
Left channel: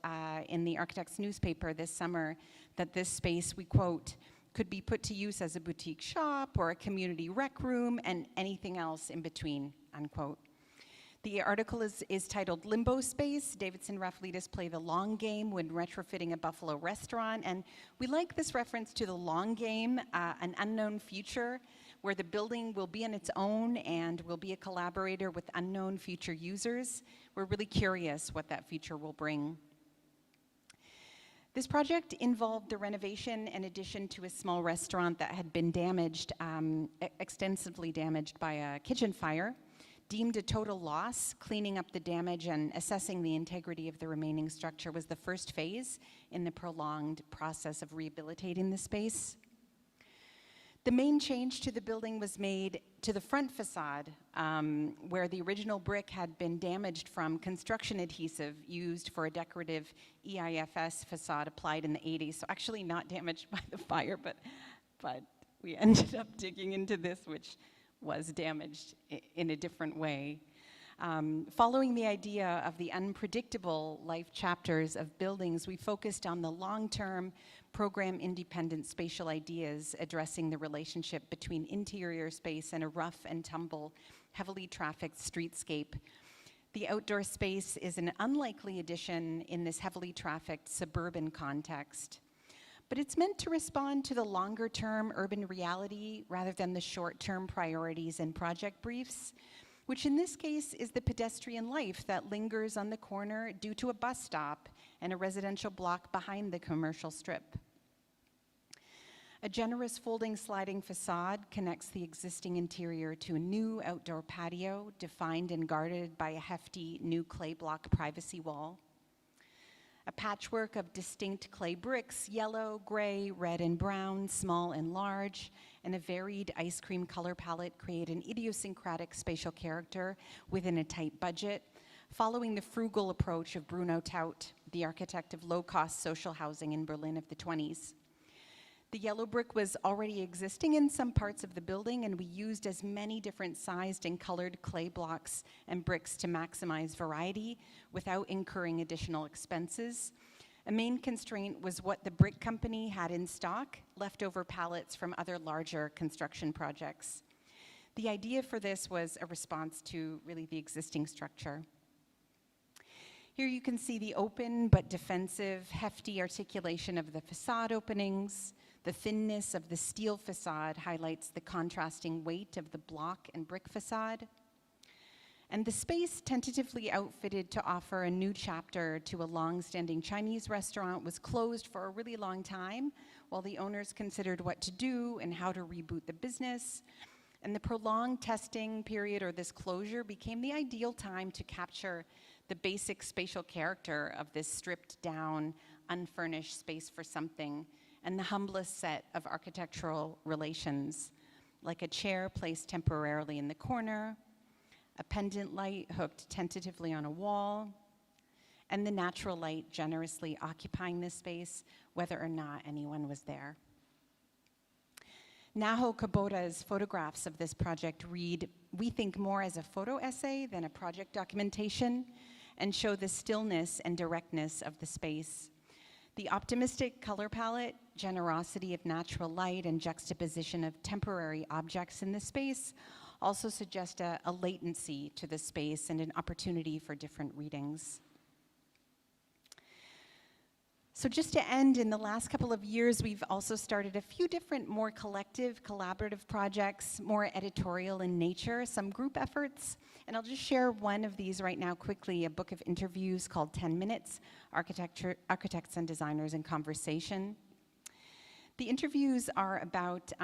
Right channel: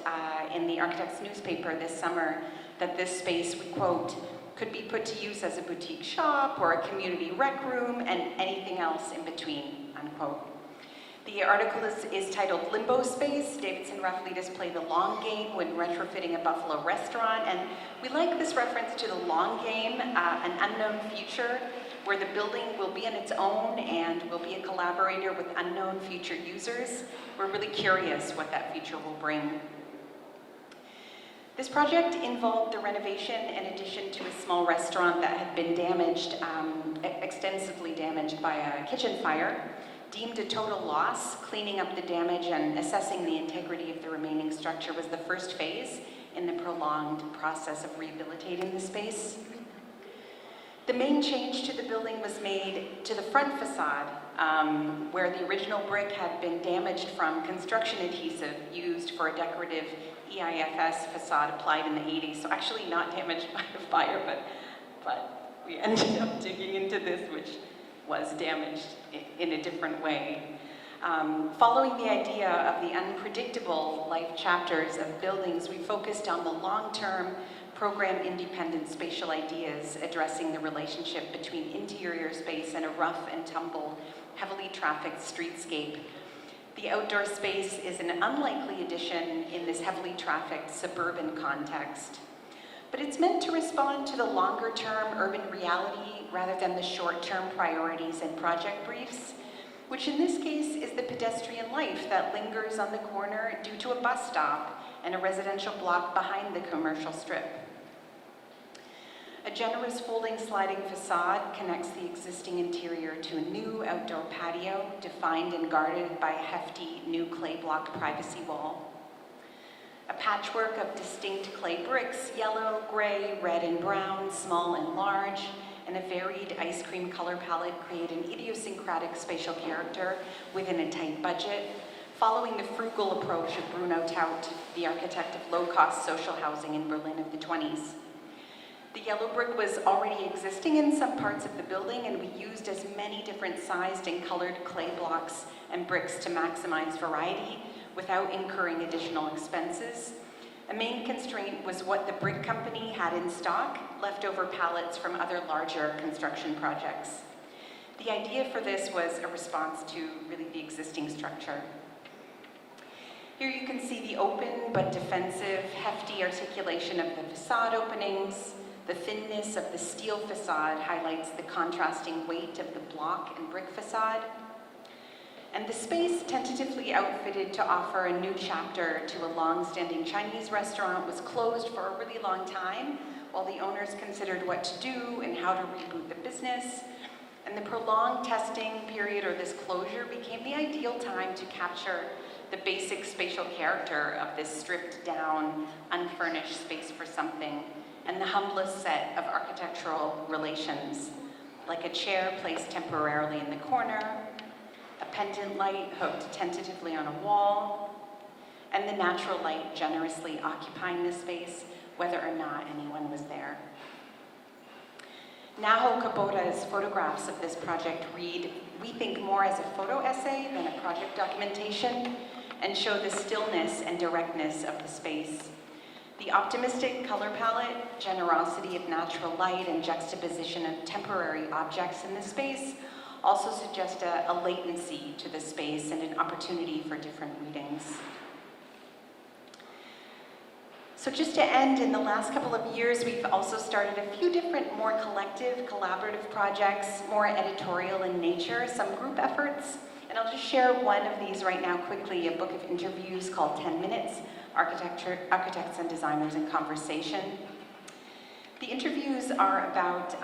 in the Architect's newspaper this summer that this space, we quote, could be put to use as a boutique shop or a community rec room and anything else in between, unquote. The article is titled Limbo Space. Davidson Rafailidis played the long game when retrofitting a Buffalo restaurant. And we like this reference to the long game, an unknown future where the building will be on its own and will be a collaborator with unknown future users. We're really curious what that future will bring. This project involved the renovation and addition to a small restaurant that had been damaged, extensively damaged by a kitchen fire. Deemed a total loss, cleaning up the damage and assessing the integrity of the remaining structure was the first phase in the prolonged process of rehabilitating the space. The main change to the building was made to the front facade, where the original brick had been damaged from construction adhesive used for a decorative EIFS facade applied in the 80s. So actually not damaged by the fire, but we ended up digging into this, which was damaged in a different way. Following the idea of the unpredictable life chapters of buildings, we focused on the long-term program-independent spatial ideas addressing the relationship between interior space and a rough and tumble, heavily trafficked streetscape. The outdoor space is an unlikely addition in this heavily trafficked suburban context. But it's meant to respond to the longer-term urban reality rather than the short-term priorities and project briefs, which in this case is the pedestrian life that lingers on the corner due to a bus stop and a residential block behind the commercial strip. A generous folding sliding facade connects the existing interior to a new outdoor patio defined and guarded by a hefty new clay block privacy wall. A patchwork of distinct clay bricks, yellow, gray, red, and brown, small and large, and a varied ice cream color palette create an idiosyncratic spatial character within a tight budget, following the frugal approach of Bruno Taut, the architect of low-cost social housing in Berlin of the 20s. The yellow brick was already existing in some parts of the building, and we used as many different sized and colored clay blocks and bricks to maximize variety without incurring additional expenses. A main constraint was what the brick company had in stock, leftover pallets from other larger construction projects. The idea for this was a response to really the existing structure. Here you can see the open but defensive, hefty articulation of the facade openings. The thinness of the steel facade highlights the contrasting weight of the block and brick facade. And the space, tentatively outfitted to offer a new chapter to a long-standing Chinese restaurant, was closed for a really long time while the owners considered what to do and how to reboot the business. And the prolonged testing period, or this closure, became the ideal time to capture the basic spatial character of this stripped down, unfurnished space for something, and the humblest set of architectural relations, like a chair placed temporarily in the corner, a pendant light hooked tentatively on a wall, and the natural light generously occupying the space, whether or not anyone was there. Naho Kabota's photographs of this project read, "We think more as a photo essay than a project documentation," and show the stillness and directness of the space. The optimistic color palette, generosity of natural light, and juxtaposition of temporary objects in the space also suggest a latency to the space and an opportunity for different readings. So just to end, in the last couple of years, we've also started a few different more collective, collaborative projects, more editorial in nature, some group efforts. And I'll just share one of these right now quickly, a book of interviews called 10 Minutes, Architects and Designers in Conversation. The interviews are about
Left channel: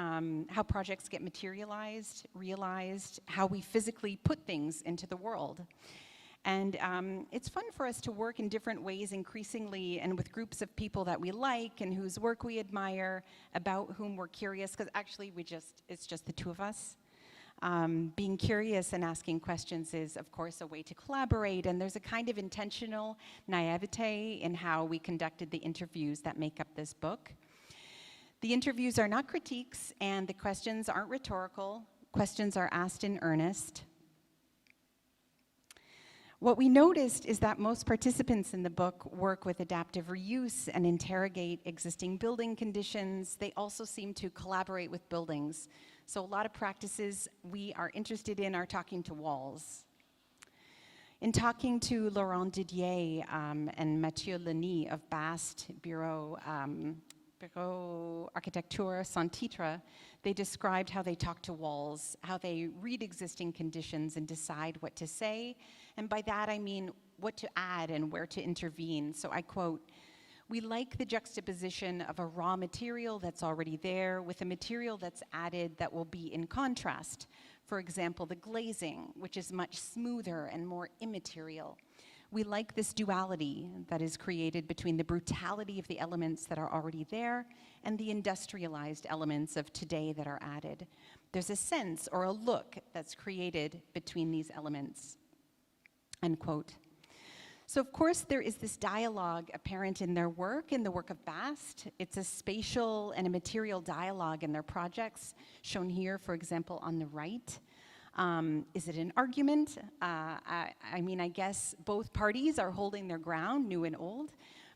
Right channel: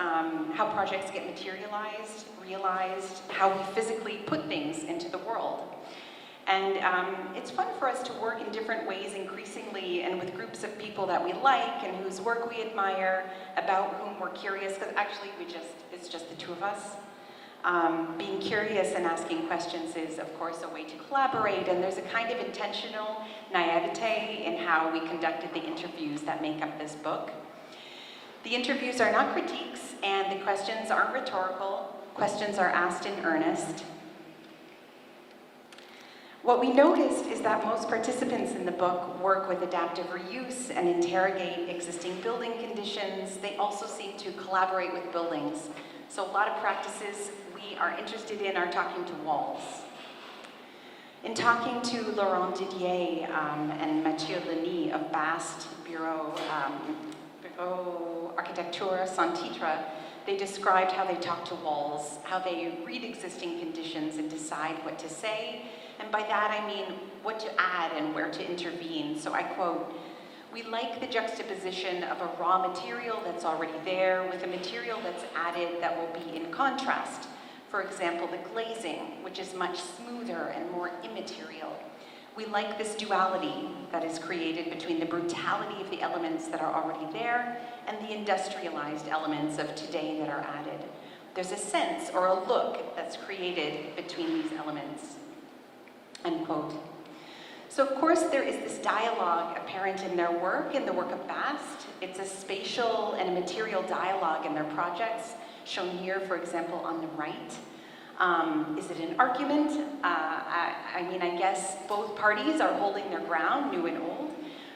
how projects get materialized, realized, how we physically put things into the world. And it's fun for us to work in different ways increasingly and with groups of people that we like and whose work we admire, about whom we're curious, because actually it's just the two of us. Being curious and asking questions is, of course, a way to collaborate, and there's a kind of intentional naivete in how we conducted the interviews that make up this book. The interviews are not critiques, and the questions are rhetorical. Questions are asked in earnest. What we noticed is that most participants in the book work with adaptive reuse and interrogate existing building conditions. They also seem to collaborate with buildings. So a lot of practices we are interested in are talking to walls. In talking to Laurent Didier and Mathieu Leny of BAST, Bureau Architecture Sans Titre, they described how they talk to walls, how they read existing conditions and decide what to say. And by that I mean what to add and where to intervene. So I quote, "We like the juxtaposition of a raw material that's already there with a material that's added that will be in contrast. For example, the glazing, which is much smoother and more immaterial. We like this duality that is created between the brutality of the elements that are already there and the industrialized elements of today that are added. There's a sense or a look that's created between these elements." End quote. So of course there is this dialogue apparent in their work, in the work of BAST. It's a spatial and a material dialogue in their projects, shown here, for example, on the right. Is it an argument? I mean, I guess both parties are holding their ground, new and old,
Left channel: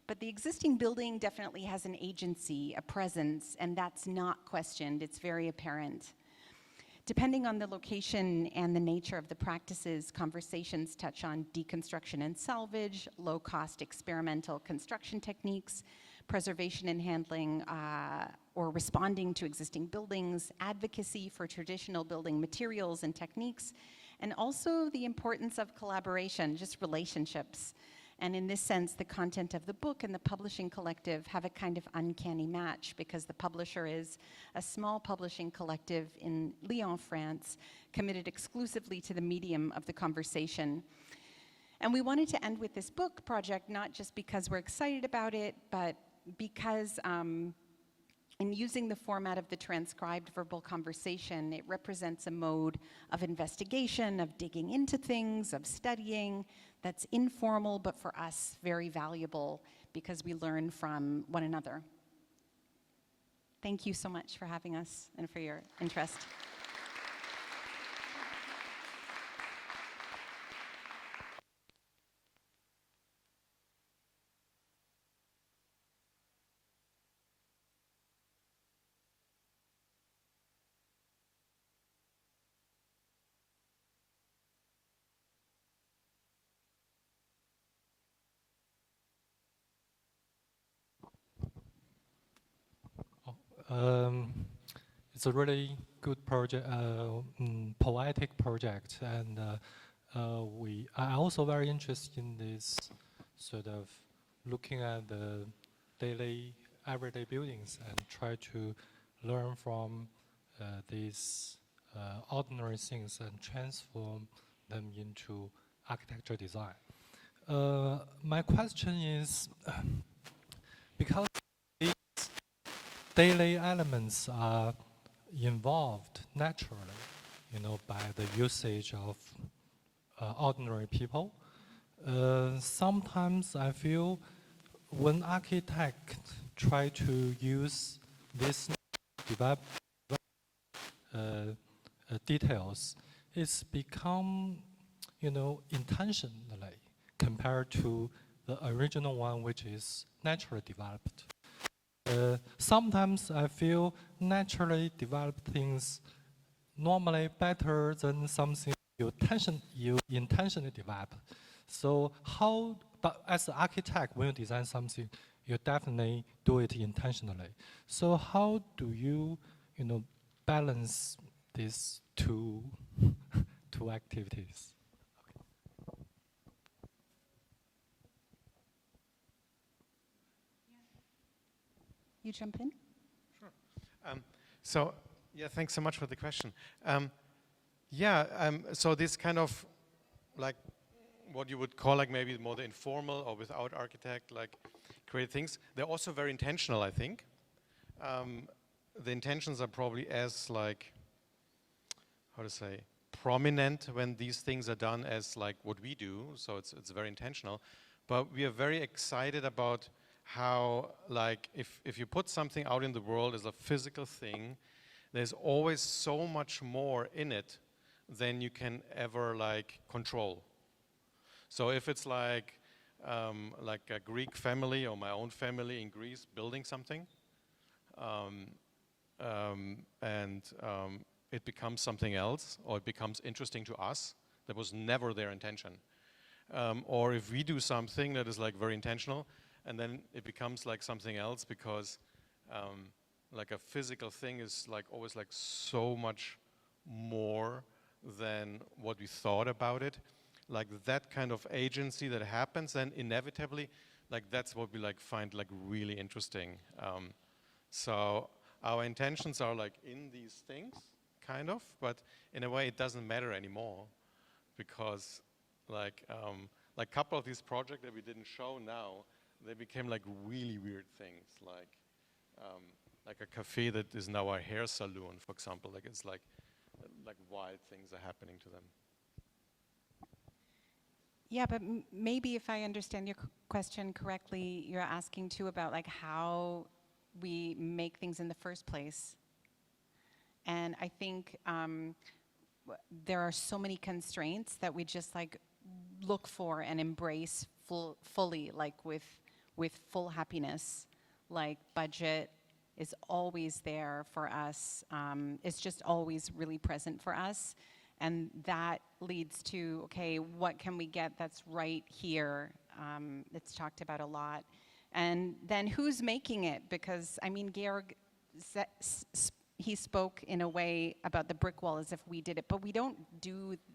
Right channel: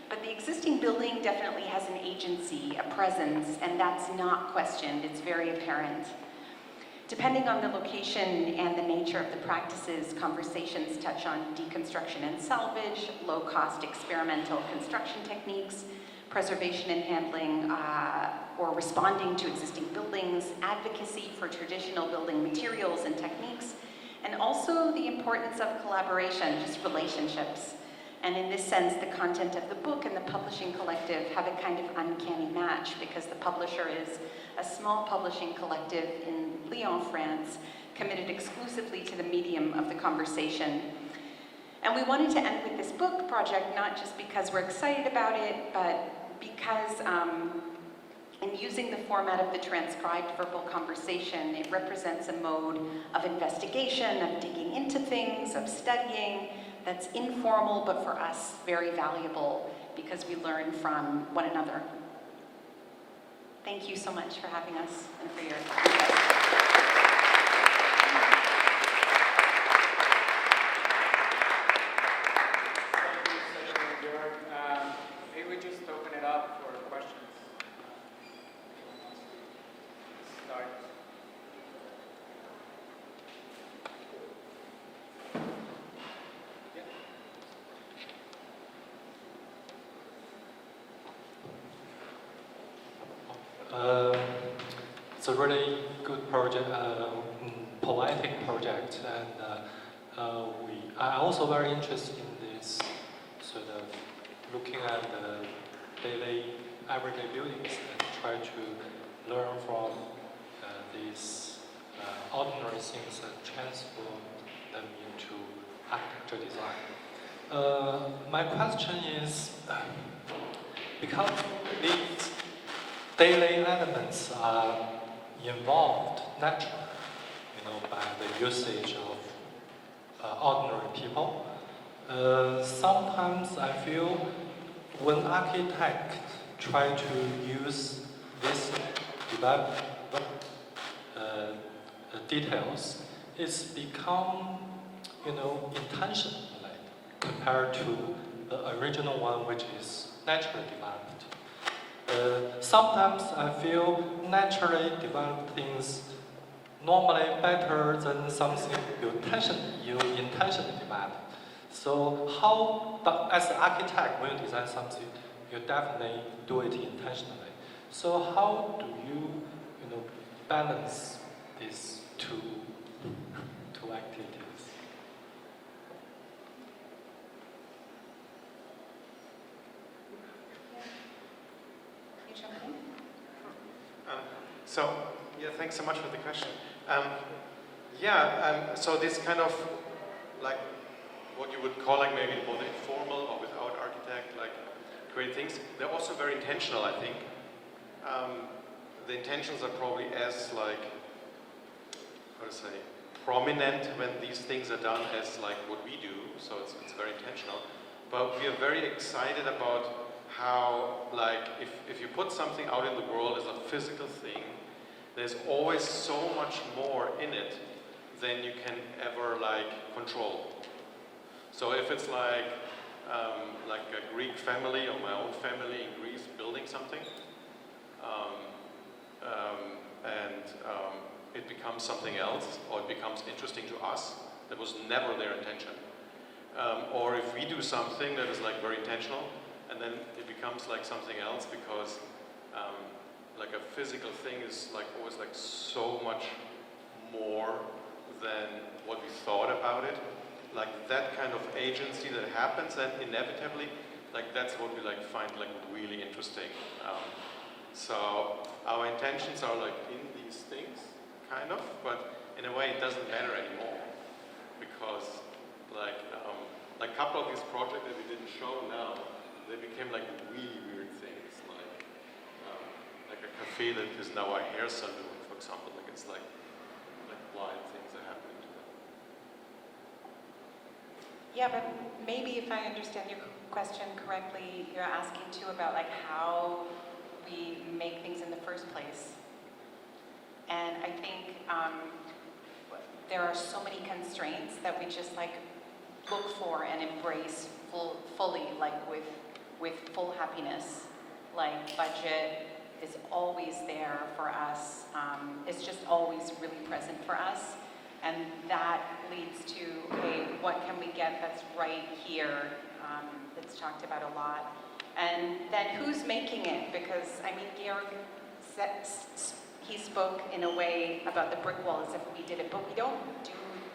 but the existing building definitely has an agency, a presence, and that's not questioned. It's very apparent. Depending on the location and the nature of the practices, conversations touch on deconstruction and salvage, low-cost experimental construction techniques, preservation and handling, or responding to existing buildings, advocacy for traditional building materials and techniques, and also the importance of collaboration, just relationships. And in this sense, the content of the book and the publishing collective have a kind of uncanny match because the publisher is a small publishing collective in Lyon, France, committed exclusively to the medium of the conversation. And we wanted to end with this book project, not just because we're excited about it, but because in using the format of the transcribed verbal conversation, it represents a mode of investigation, of digging into things, of studying, that's informal, but for us, very valuable because we learn from one another. Thank you so much for having us and for your interest. Maybe we just open it up for questions. Start. It's a really good project, poetic project, and I'm also very interested in this sort of looking at the daily, everyday buildings and try to learn from these ordinary things and transform them into architecture design. My question is, because these daily elements are involved naturally, by the usage of ordinary people. Sometimes I feel when architects try to use these details, it's become, intentional compared to the original one, which is naturally developed. Sometimes I feel naturally developed things normally better than something you intentionally develop. So but as an architect, when you design something, you definitely do it intentionally. So how do you, balance these two activities? You jump in? Thanks so much for the question. So this kind of like what you would call like maybe more informal or without architect, like great things. They're also very intentional, I think. The intentions are probably as like, prominent when these things are done as like what we do. So it's very intentional. But we are very excited about how, like, if you put something out in the world as a physical thing, there's always so much more in it than you can ever, like, control. So if it's like a Greek family or my own family in Greece building something, it becomes something else, or it becomes interesting to us, that was never their intention. Or if we do something that is like very intentional, and then it becomes like something else because like a physical thing is like always like so much more than what we thought about it. Like that kind of agency that happens, and inevitably, like that's what we like find like really interesting. So our intentions are like in these things, kind of, but in a way it doesn't matter anymore because like a couple of these projects that we didn't show now, they became like really weird things, like a cafe that is now a hair salon, for example. Like it's like wild things are happening to them. Yeah, but maybe if I understand your question correctly, you're asking too about like how we make things in the first place. And I think there are so many constraints that we just like look for and embrace fully, like with full happiness. Like budget is always there for us. It's just always really present for us. And that leads to, okay, what can we get that's right here? It's talked about a lot. And then who's making it? Because, I mean, Georg, he spoke in a way about the brick wall as if we did it, but we don't do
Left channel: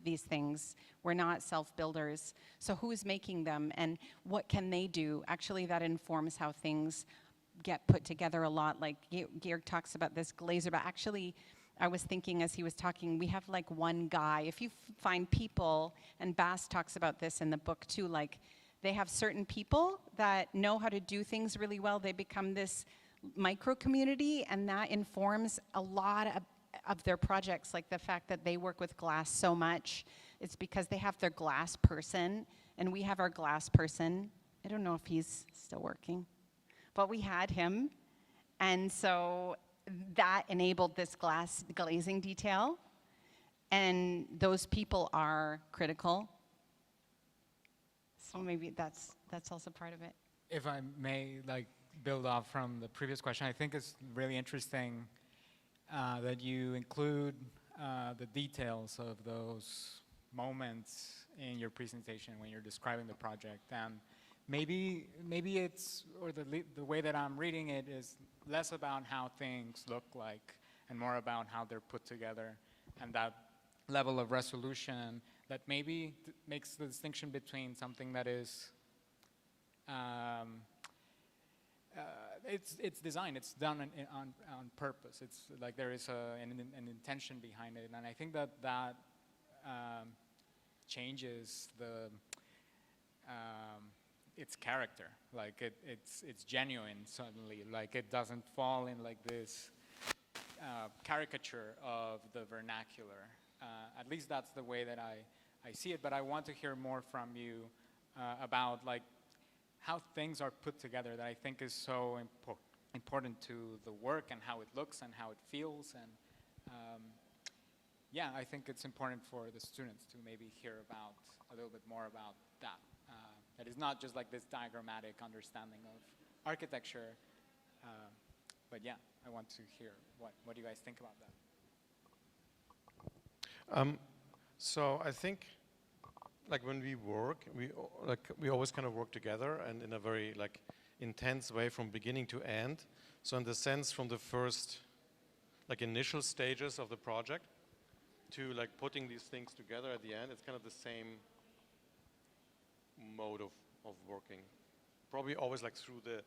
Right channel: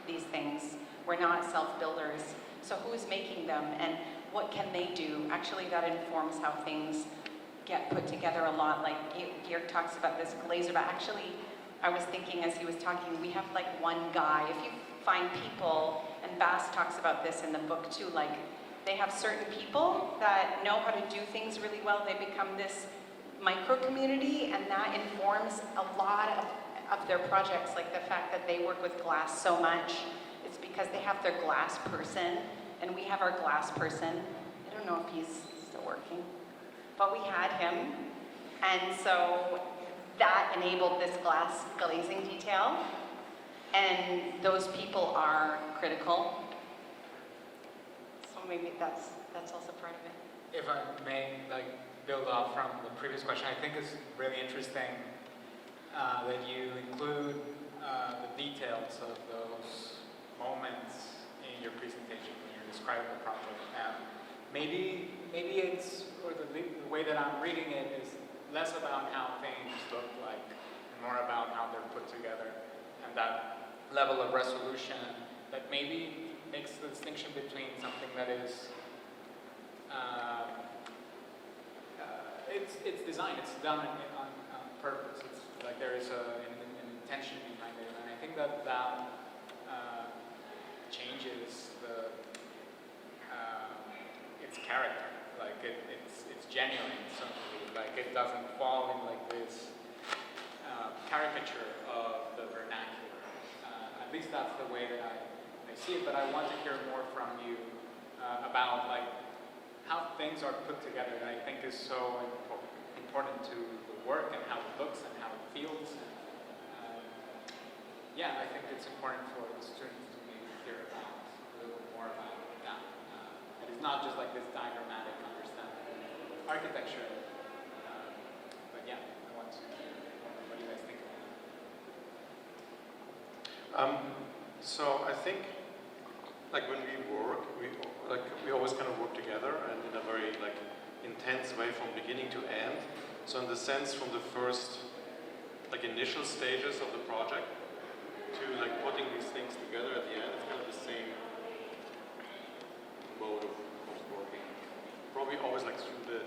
these things. We're not self-builders. So who's making them and what can they do? Actually, that informs how things get put together a lot. Like Georg talks about this glazer, but actually, I was thinking as he was talking, we have like one guy. If you find people, and Bass talks about this in the book too, like they have certain people that know how to do things really well. They become this micro community, and that informs a lot of their projects. Like the fact that they work with glass so much, it's because they have their glass person, and we have our glass person. I don't know if he's still working, but we had him, and so that enabled this glass glazing detail, and those people are critical. So maybe that's also part of it. If I may, like, build off from the previous question, I think it's really interesting that you include the details of those moments in your presentation when you're describing the project. Maybe it's, or the way that I'm reading it is less about how things look like and more about how they're put together, and that level of resolution that maybe makes the distinction between something that is it's design, it's done on purpose. It's like there is an intention behind it, and I think that changes its character. Like it's genuine suddenly. Like it doesn't fall in like this caricature of the vernacular. At least that's the way that I see it. But I want to hear more from you about like how things are put together. That I think is so important to the work and how it looks and how it feels. And yeah, I think it's important for the students to maybe hear about a little bit more about that. And it's not just like this diagrammatic understanding of architecture. But yeah, I want to hear what you guys think about it. So I think, like when we work, we always kind of work together and in a very like intense way from beginning to end. So in the sense from the first like initial stages of the project to like putting these things together at the end, it's kind of the same mode of working. Probably always like through the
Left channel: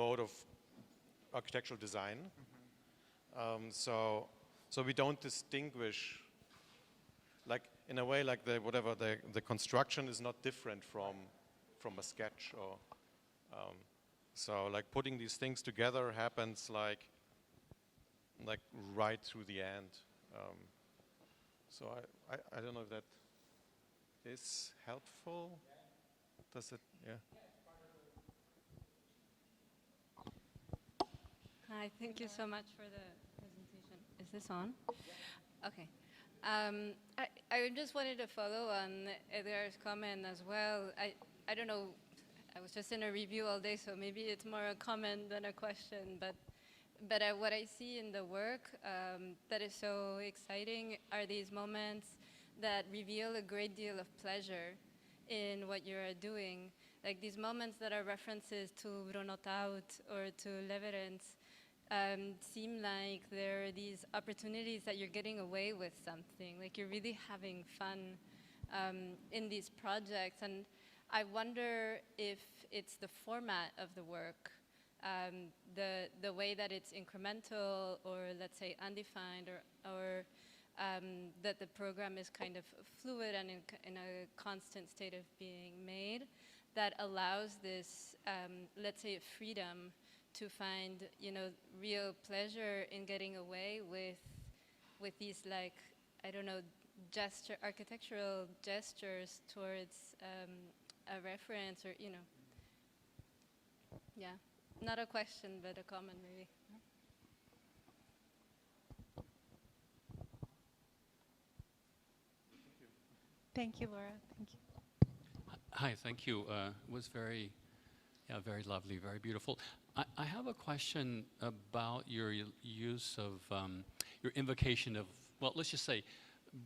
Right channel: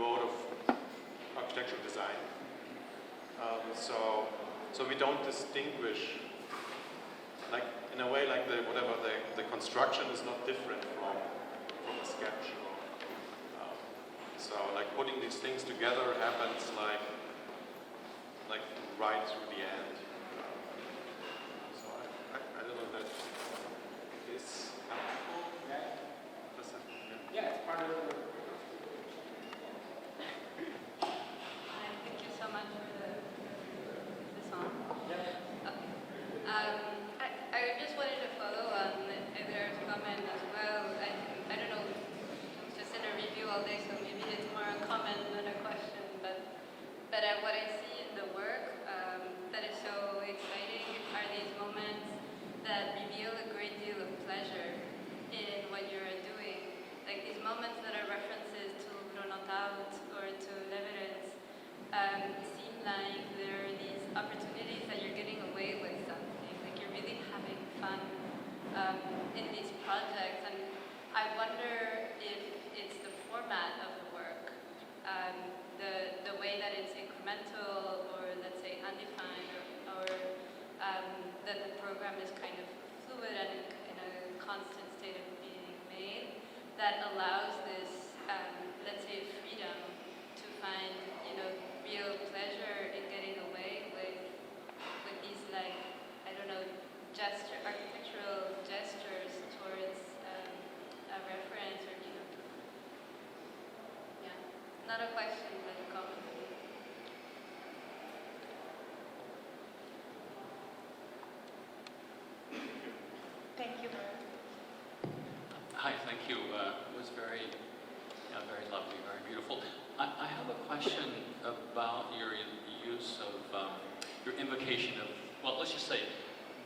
mode of architectural design. So we don't distinguish, like in a way, like the construction is not different from a sketch. So like putting these things together happens like right through the end. So I don't know if that is helpful. Does it? Yeah, it's part of the. Hi, thank you so much for is this on? Yeah. Okay. I just wanted to follow on Edgar's comment as well. I don't know, it's just in a review all day, so maybe it's more a comment than a question, but what I see in the work that is so in these projects, and I wonder if it's the format of the work, the way that it's incremental, or let's say undefined, or that the program is kind of fluid and in a constant state of being made, that allows this, let's say, freedom to find, real pleasure in getting away with these, like, I don't know, architectural gestures towards a reference, or yeah, not a question but a comment. Thank you, Laura. Hi, thank you. It was very lovely, very beautiful. I have a question about your use of your invocation of, well, let's just say,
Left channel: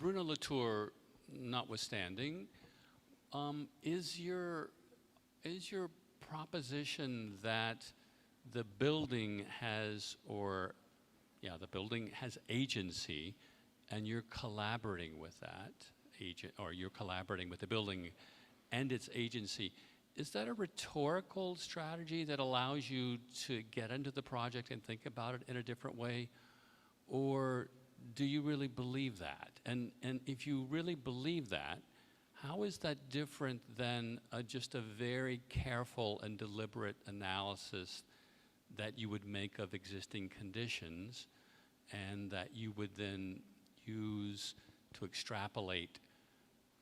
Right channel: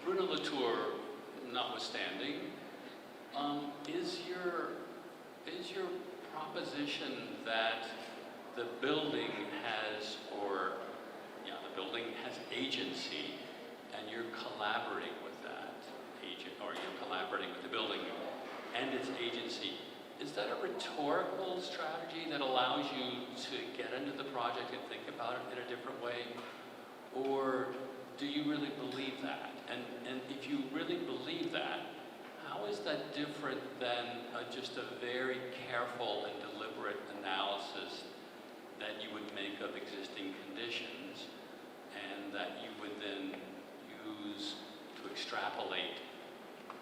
Bruno Latour notwithstanding, is your proposition that the building has, the building has agency, and you're collaborating with that agent, or you're collaborating with the building and its agency? Is that a rhetorical strategy that allows you to get into the project and think about it in a different way? Or do you really believe that? And if you really believe that, how is that different than just a very careful and deliberate analysis that you would make of existing conditions, and that you would then use to extrapolate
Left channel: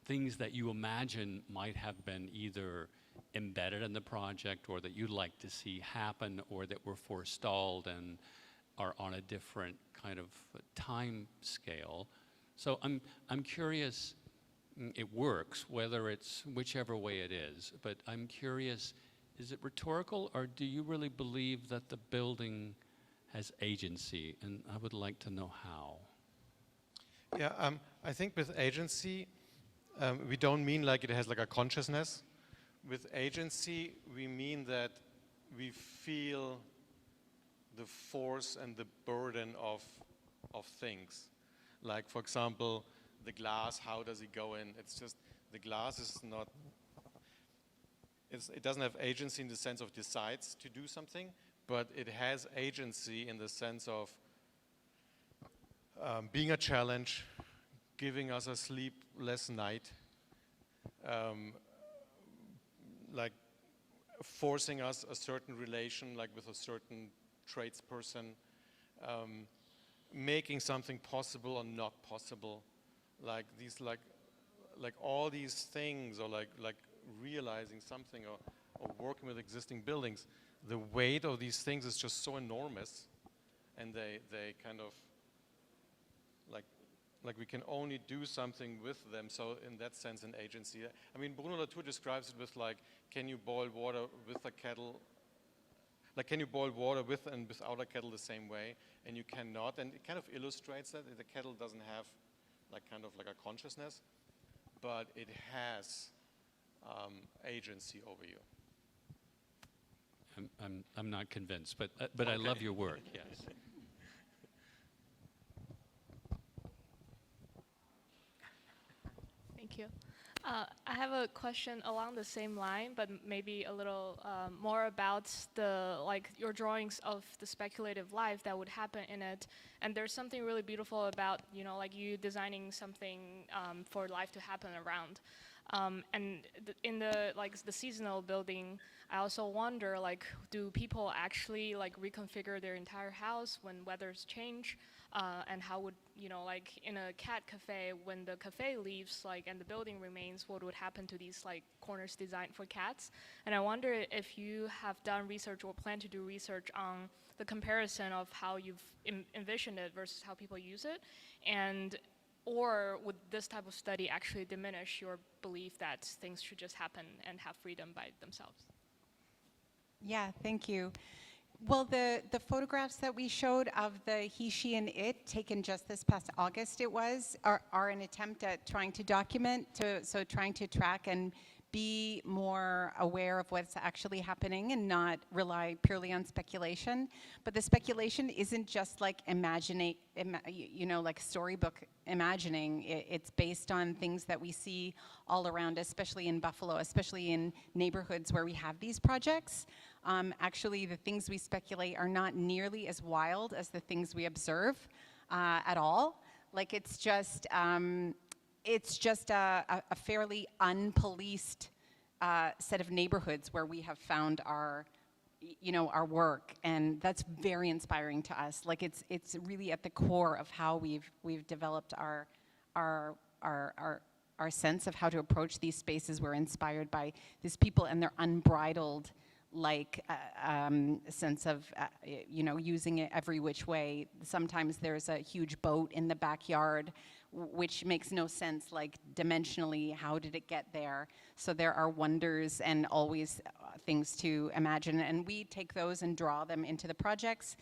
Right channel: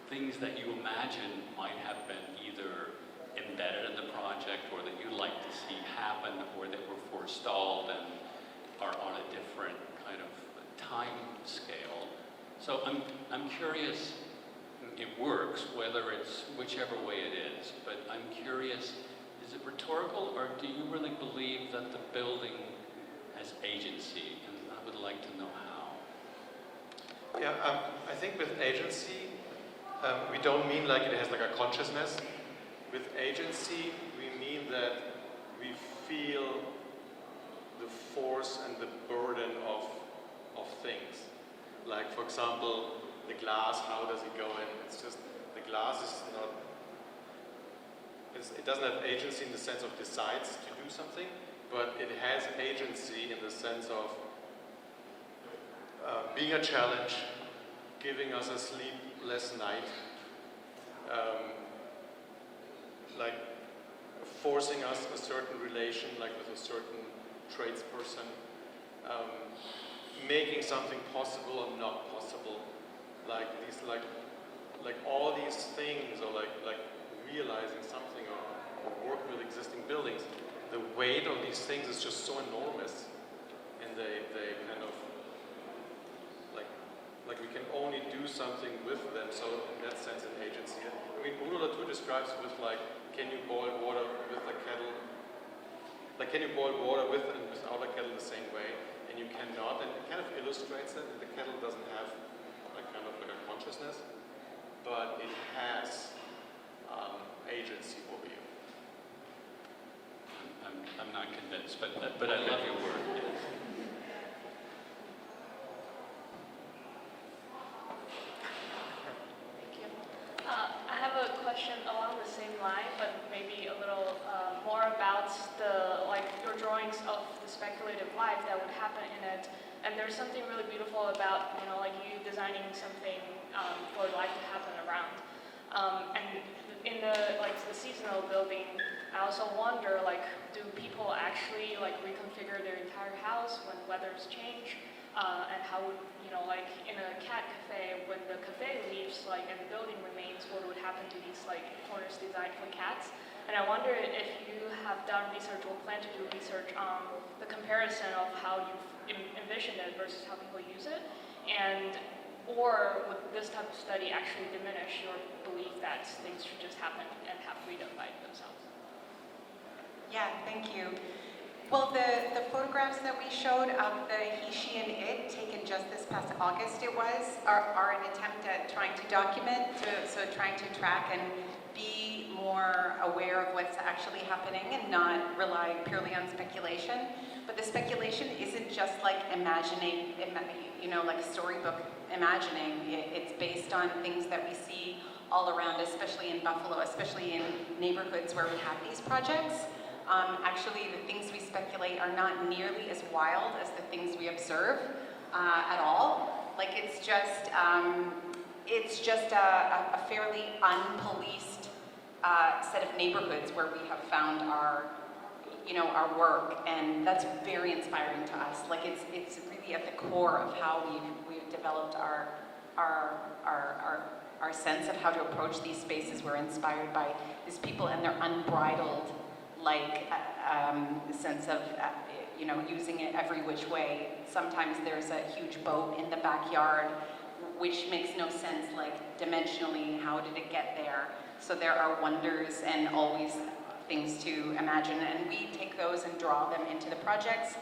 things that you imagine might have been either embedded in the project, or that you'd like to see happen, or that were forestalled and are on a different kind of time scale? So I'm curious, it works, whether it's whichever way it is, but I'm curious, is it rhetorical, or do you really believe that the building has agency? And I would like to know how. Yeah, I think with agency, we don't mean like it has like a consciousness. With agency, we mean that we feel the force and the burden of things. Like, for example, the glass, how does it go in? It's just, the glass is not, it doesn't have agency in the sense of decides to do something, but it has agency in the sense of being a challenge, giving us a sleepless night, like forcing us a certain relation, like with a certain tradesperson, making something possible or not possible, like these, like all these things, or like realizing something, or working with existing buildings. The weight of these things is just so enormous, and they kind of like we can only do something with them. So in that sense, an agency. I mean, Bruno Latour describes it with like, can you boil water with a kettle? Like, can you boil water with and without a kettle the same way? And you cannot. And it kind of illustrates that the kettle doesn't have like kind of like a consciousness, but it has agency over you. I'm not convinced, but I love your work. Yes. Thank you. I have a question along the same line, but maybe a little more about your drawings of the speculative life that would happen in it. And there's something really beautiful about like you designing something for life to happen around. And in the seasonal building, I also wonder, do people actually reconfigure their entire house when weathers change? And how would, in a cat cafe, when the cafe leaves, and the building remains, what would happen to these corners designed for cats? And I wonder if you have done research or plan to do research on the comparison of how you've envisioned it versus how people use it, or would this type of study actually diminish your belief that things should just happen and have freedom by themselves? Yeah, thank you. Well, the photographs that we showed of the he, she, and it, taken just this past August, are an attempt at trying to document, trying to track and be more aware of what's actually happening and not rely purely on speculation. But the speculation isn't just like imagining, like a storybook imagining. It's based on things that we see all around, especially in Buffalo, especially in neighborhoods where we have these projects. Actually, the things we speculate are not nearly as wild as the things we observe at all. Like it's just a fairly unpoliced set of neighborhoods where we have found our work, and that's very inspiring to us. Like it's really at the core of how we've developed our sense of how to approach these spaces. We're inspired by these people and their unbridled sense of using it every which way. Sometimes there's a huge boat in the backyard, which makes no sense, like dimensionally, how did it get there? So there are wonders and always things to imagine, and we take those and draw them into the projects.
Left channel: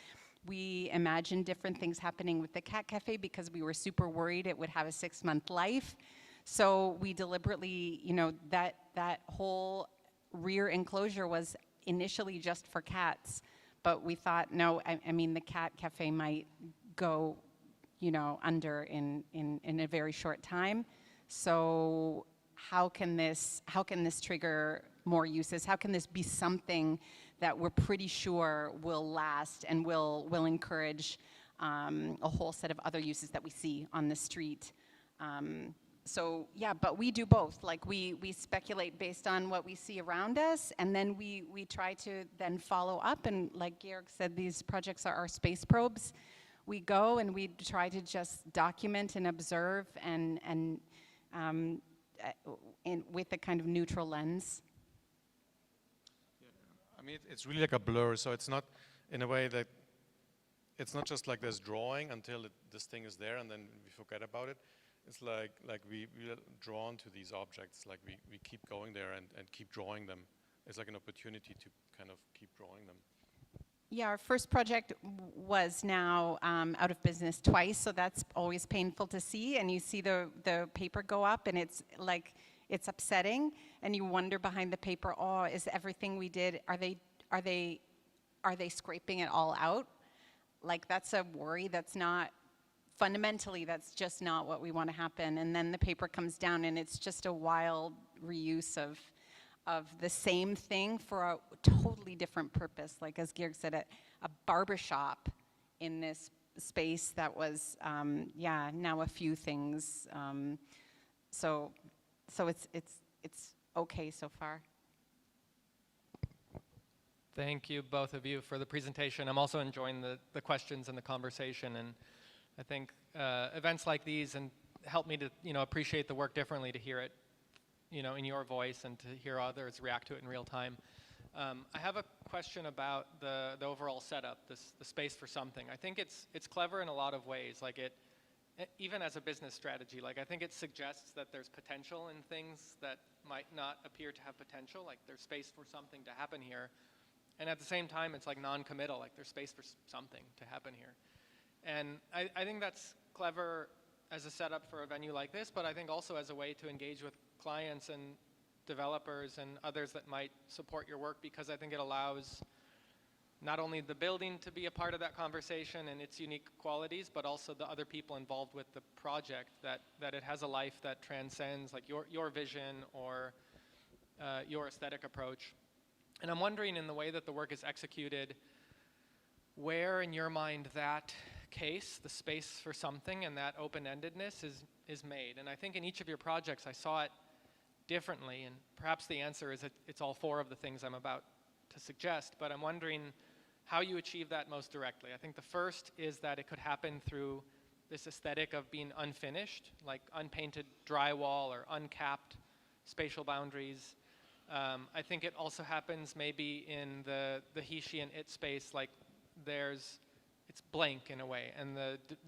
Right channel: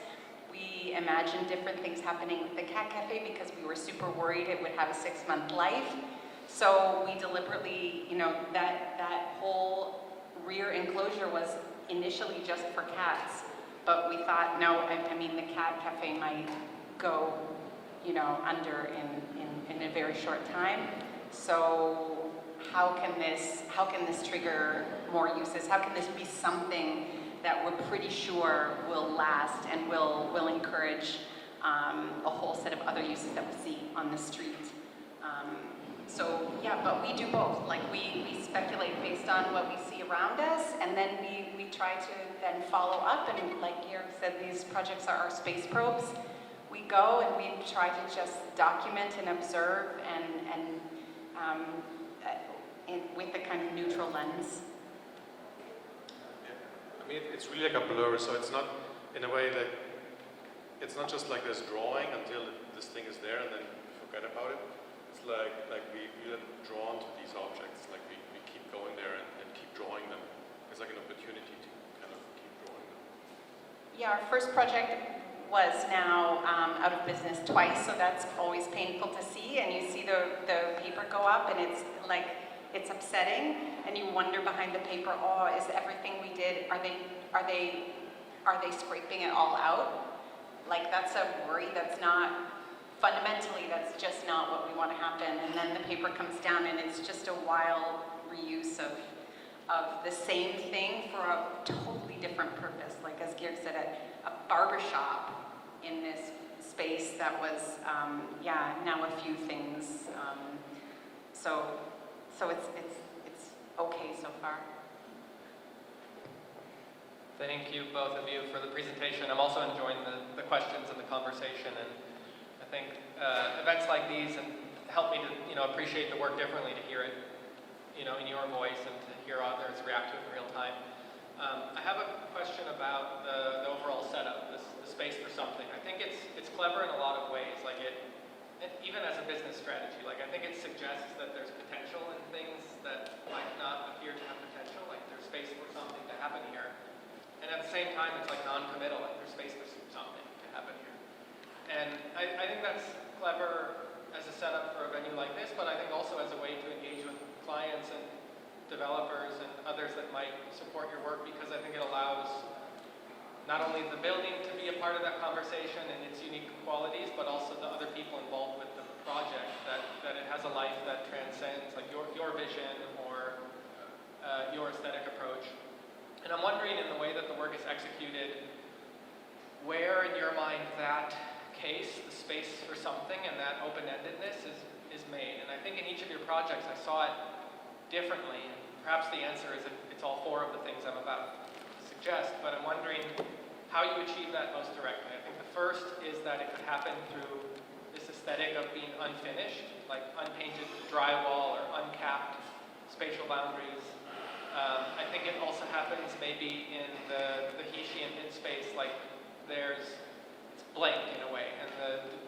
We imagine different things happening with the cat cafe because we were super worried it would have a 6-month life. So we deliberately, that whole rear enclosure was initially just for cats, but we thought, no, I mean, the cat cafe might go, under in a very short time. So how can this trigger more uses? How can this be something that we're pretty sure will last and will encourage a whole set of other uses that we see on the street? So yeah, but we do both. Like we speculate based on what we see around us, and then we try to then follow up. And like Georg said, these projects are our space probes. We go and we try to just document and observe and with a kind of neutral lens. I mean, it's really like a blur, so it's not, in a way, that it's not just like this drawing until this thing is there and then we forget about it. It's like we're drawn to these objects, like we keep going there and keep drawing them. It's like an opportunity to kind of keep drawing them. Yeah, our first project was now out of business twice, so that's always painful to see. And you see the paper go up, and it's like, it's upsetting, and you wonder behind the paper, oh, is everything we did, are they scraping it all out? Like that's a worry. That's not, fundamentally, that's just not what we want to happen. And then the paper comes down and it's just a wild reuse of the same thing for a totally different purpose. Like as Georg said, a barbershop in this space that was, now a few things. So it's okay so far. Thank you, both of you, for the presentation. I'm also enjoying the questions and the conversation, and I think events like these help me to appreciate the work differently, to hear it in your voice and to hear others react to it in real time. I have a question about the overall setup, the space for something. I think it's clever in a lot of ways. Like even as a business strategy, like I think it suggests that there's potential in things that might not appear to have potential, like there's space for something to happen here. And at the same time, it's like non-committal, like there's space for something to happen here. And I think that's clever as a setup for a venue like this, but I think also as a way to engage with clients and developers and others that might support your work, because I think it allows not only the building to be a part of that conversation and its unique qualities, but also the other people involved with the project, that it has a life that transcends like your vision or your aesthetic approach. And I'm wondering, in the way that the work is executed, where in your mind that case, the space for something and that open-endedness is made. And I think in each of your projects I saw it differently. Perhaps the answer is that it's all four of the things I'm about to suggest, but I'm wondering how you achieve that most directly. I think the first is that it could happen through this aesthetic of being unfinished, like unpainted drywall or uncapped spatial boundaries. I think it also happens maybe in the he, she, and it space, like it's blank in a way, and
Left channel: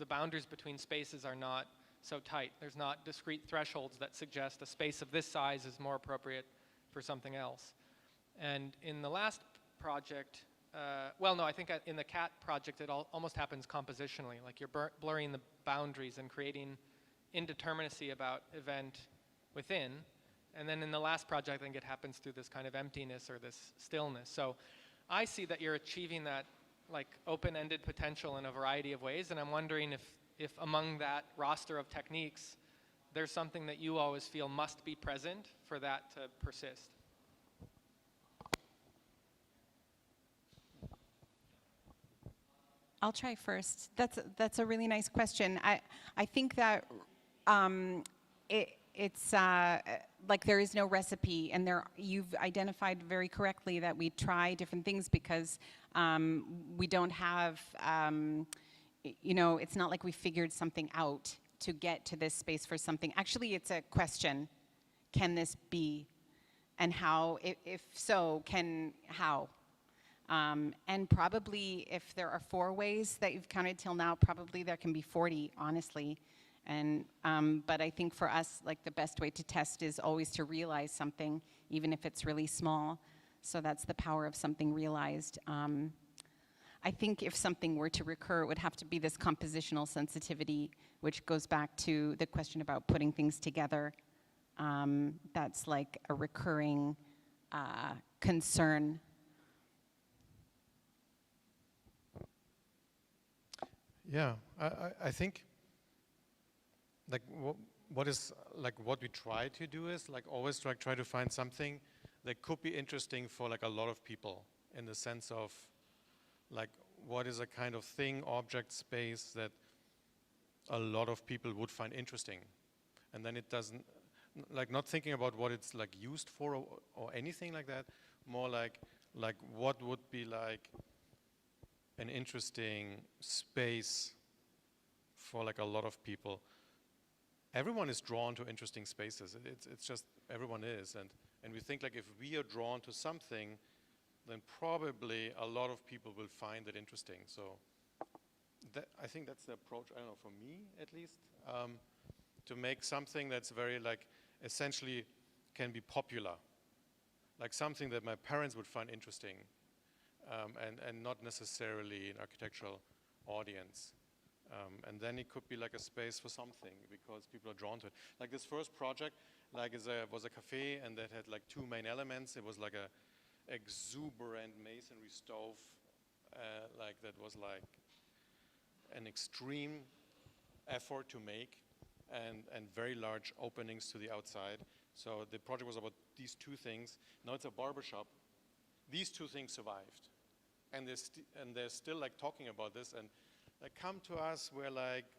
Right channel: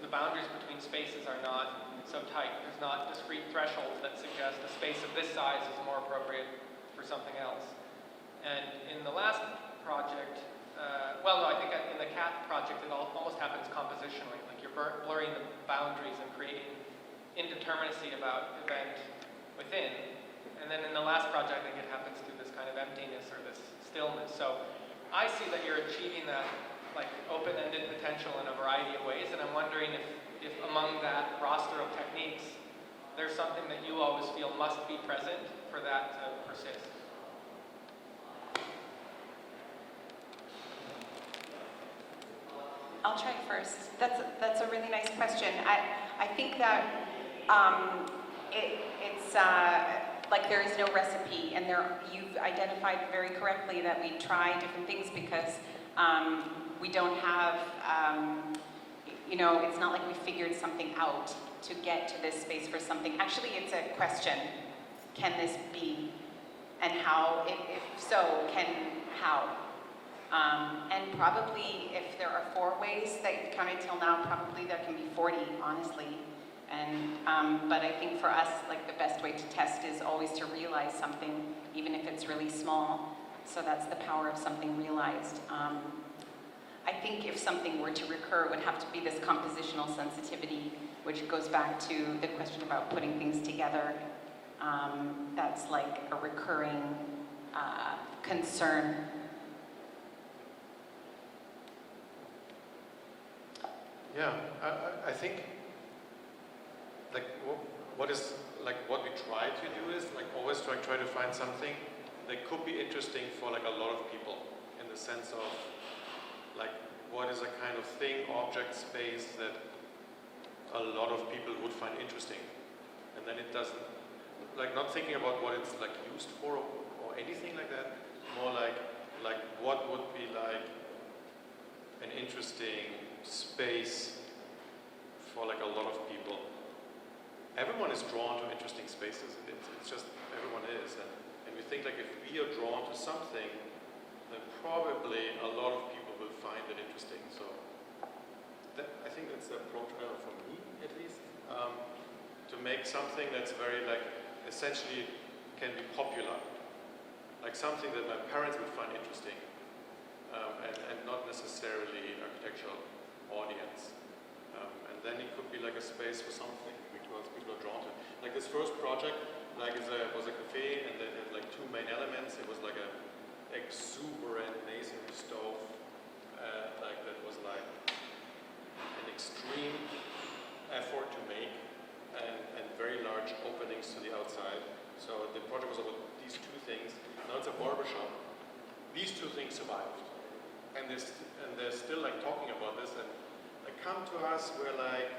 the boundaries between spaces are not so tight. There's not discrete thresholds that suggest a space of this size is more appropriate for something else. And in the last project, I think in the cat project it almost happens compositionally, like you're blurring the boundaries and creating indeterminacy about event within. And then in the last project, I think it happens through this kind of emptiness or this stillness. So I see that you're achieving that like open-ended potential in a variety of ways, and I'm wondering if among that roster of techniques, there's something that you always feel must be present for that to persist? I'll try first. That's a really nice question. I think that it's like there is no recipe, and you've identified very correctly that we try different things because we don't have, it's not like we figured something out to get to this space for something. Actually, it's a question. Can this be? And how? If so, how? And probably if there are 4 ways that you've counted till now, probably there can be 40, honestly. And but I think for us, like the best way to test is always to realize something, even if it's really small. So that's the power of something realized. I think if something were to recur, it would have to be this compositional sensitivity, which goes back to the question about putting things together. That's like a recurring concern. Yeah, I think like what we try to do is like always try to find something that could be interesting for like a lot of people, in the sense of like what is a kind of thing, object, space that a lot of people would find interesting, and then it doesn't, like, not thinking about what it's like used for or anything like that, more like what would be like an interesting space for like a lot of people. Everyone is drawn to interesting spaces. It's just everyone is, and you think like if we are drawn to something, then probably a lot of people will find it interesting. So I think that's the approach for me, at least, to make something that's very like essentially can be popular, like something that my parents would find interesting, and not necessarily an architectural audience. And then it could be like a space for something because people are drawn to it. Like this first project, like was a cafe, and it had like 2 main elements. It was like a exuberant masonry stove, like that was like an extreme effort to make, and very large openings to the outside. So the project was about these 2 things. Now it's a barbershop. These 2 things survived, and they're still like talking about this. And they come to us, we're like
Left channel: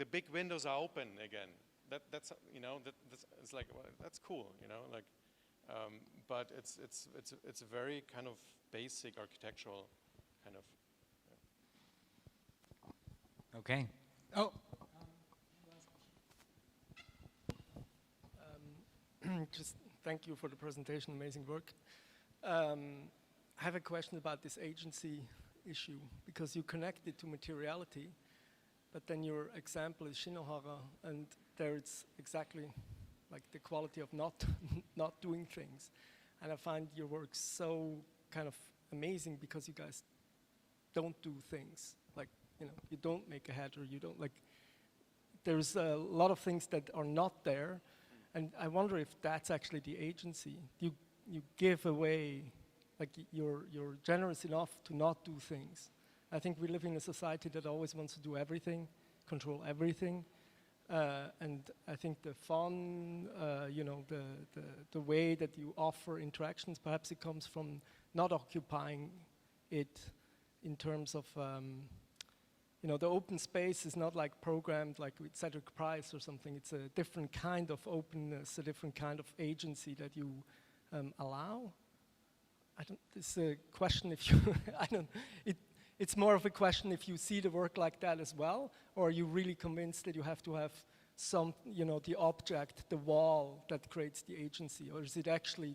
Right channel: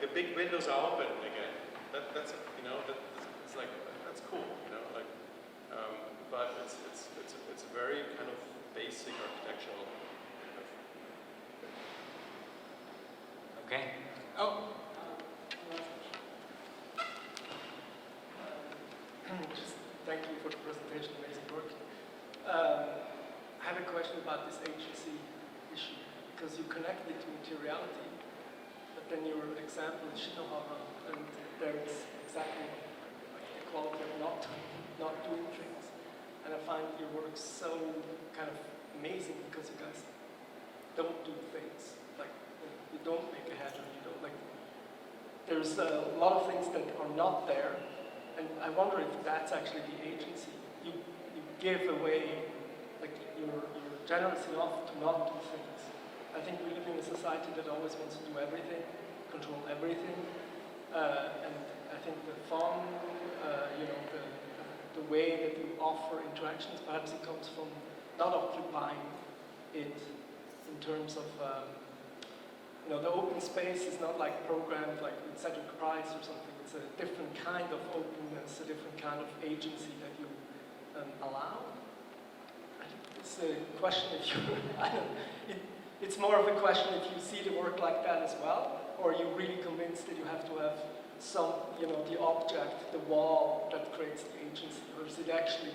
the big windows are open again. That's it's like that's cool, like. But it's a very kind of basic architectural kind of. Okay. Oh. Just thank you for the presentation, amazing work. I have a question about this agency issue, because you connect it to materiality, but then your example is Shinohara, and there it's exactly like the quality of not doing things. And I find your work so kind of amazing because you guys don't do things. Like you don't make a header, you don't like. There's a lot of things that are not there, and I wonder if that's actually the agency. You give away, like you're generous enough to not do things. I think we live in a society that always wants to do everything, control everything, and I think the fun, the way that you offer interactions, perhaps it comes from not occupying it in terms of, the open space is not like programmed like Cedric Price or something. It's a different kind of openness, a different kind of agency that you allow. I think it's a question if you, it's more of a question if you see the work like that as well, or are you really convinced that you have to have some, the object, the wall that creates the agency, or is it actually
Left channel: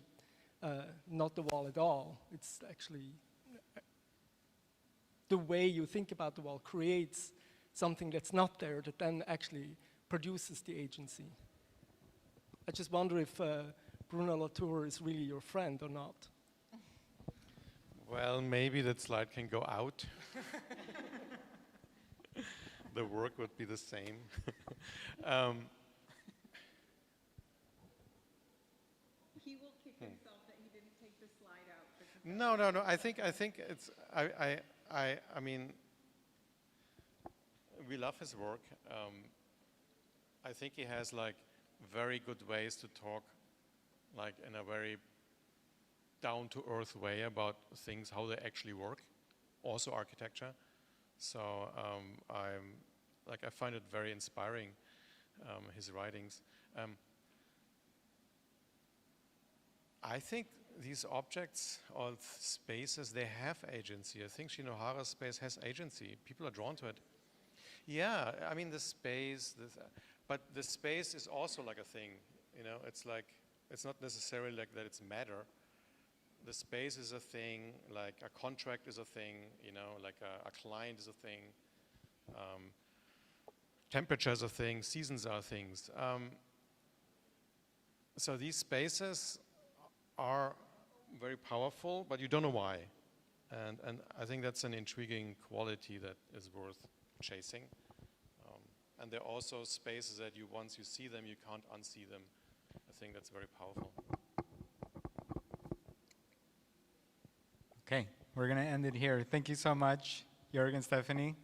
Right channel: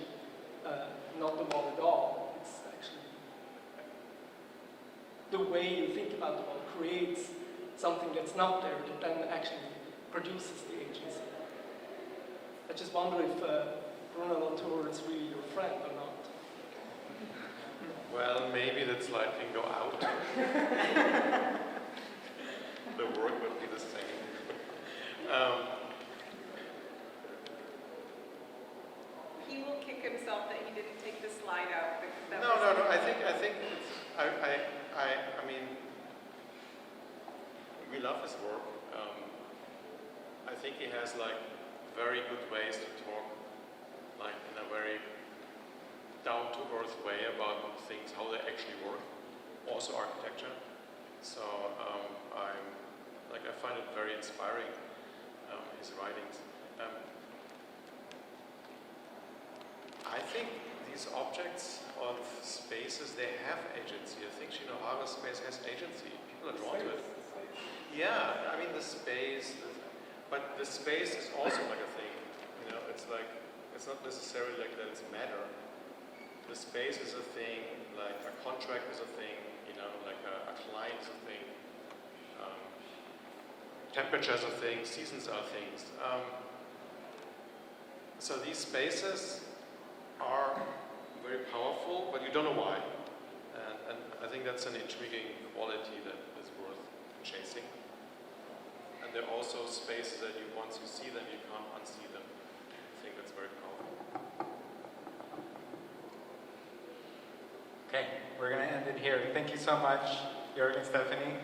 not the wall at all? It's actually the way you think about the wall creates something that's not there that then actually produces the agency. I just wonder if Bruno Latour is really your friend or not. Well, maybe that slide can go out. The work would be the same. He will kick himself that he didn't take the slide out. No. I think it's. I mean, we love this work. I I think he has like very good ways to talk, like in a very down-to-earth way about things, how they actually work, also architecture. So I find it very inspiring, his writings. I think these objects of spaces, they have agency. I think Shinohara's space has agency. People are drawn to it. Yeah, I mean the space, but the space is also like a thing. You know, it's like, it's not necessarily like that it's matter. The space is a thing, like a contract is a thing, you know, like a client is a thing. Temperatures are things, seasons are things. So these spaces are very powerful, but you don't know why. And I think that's an intriguing quality that is worth chasing. And they're also spaces that you, once you see them, you can't unsee them. I think that's very powerful. Okay, we're going to end it here. Thank you so much, Georg and Stephanie.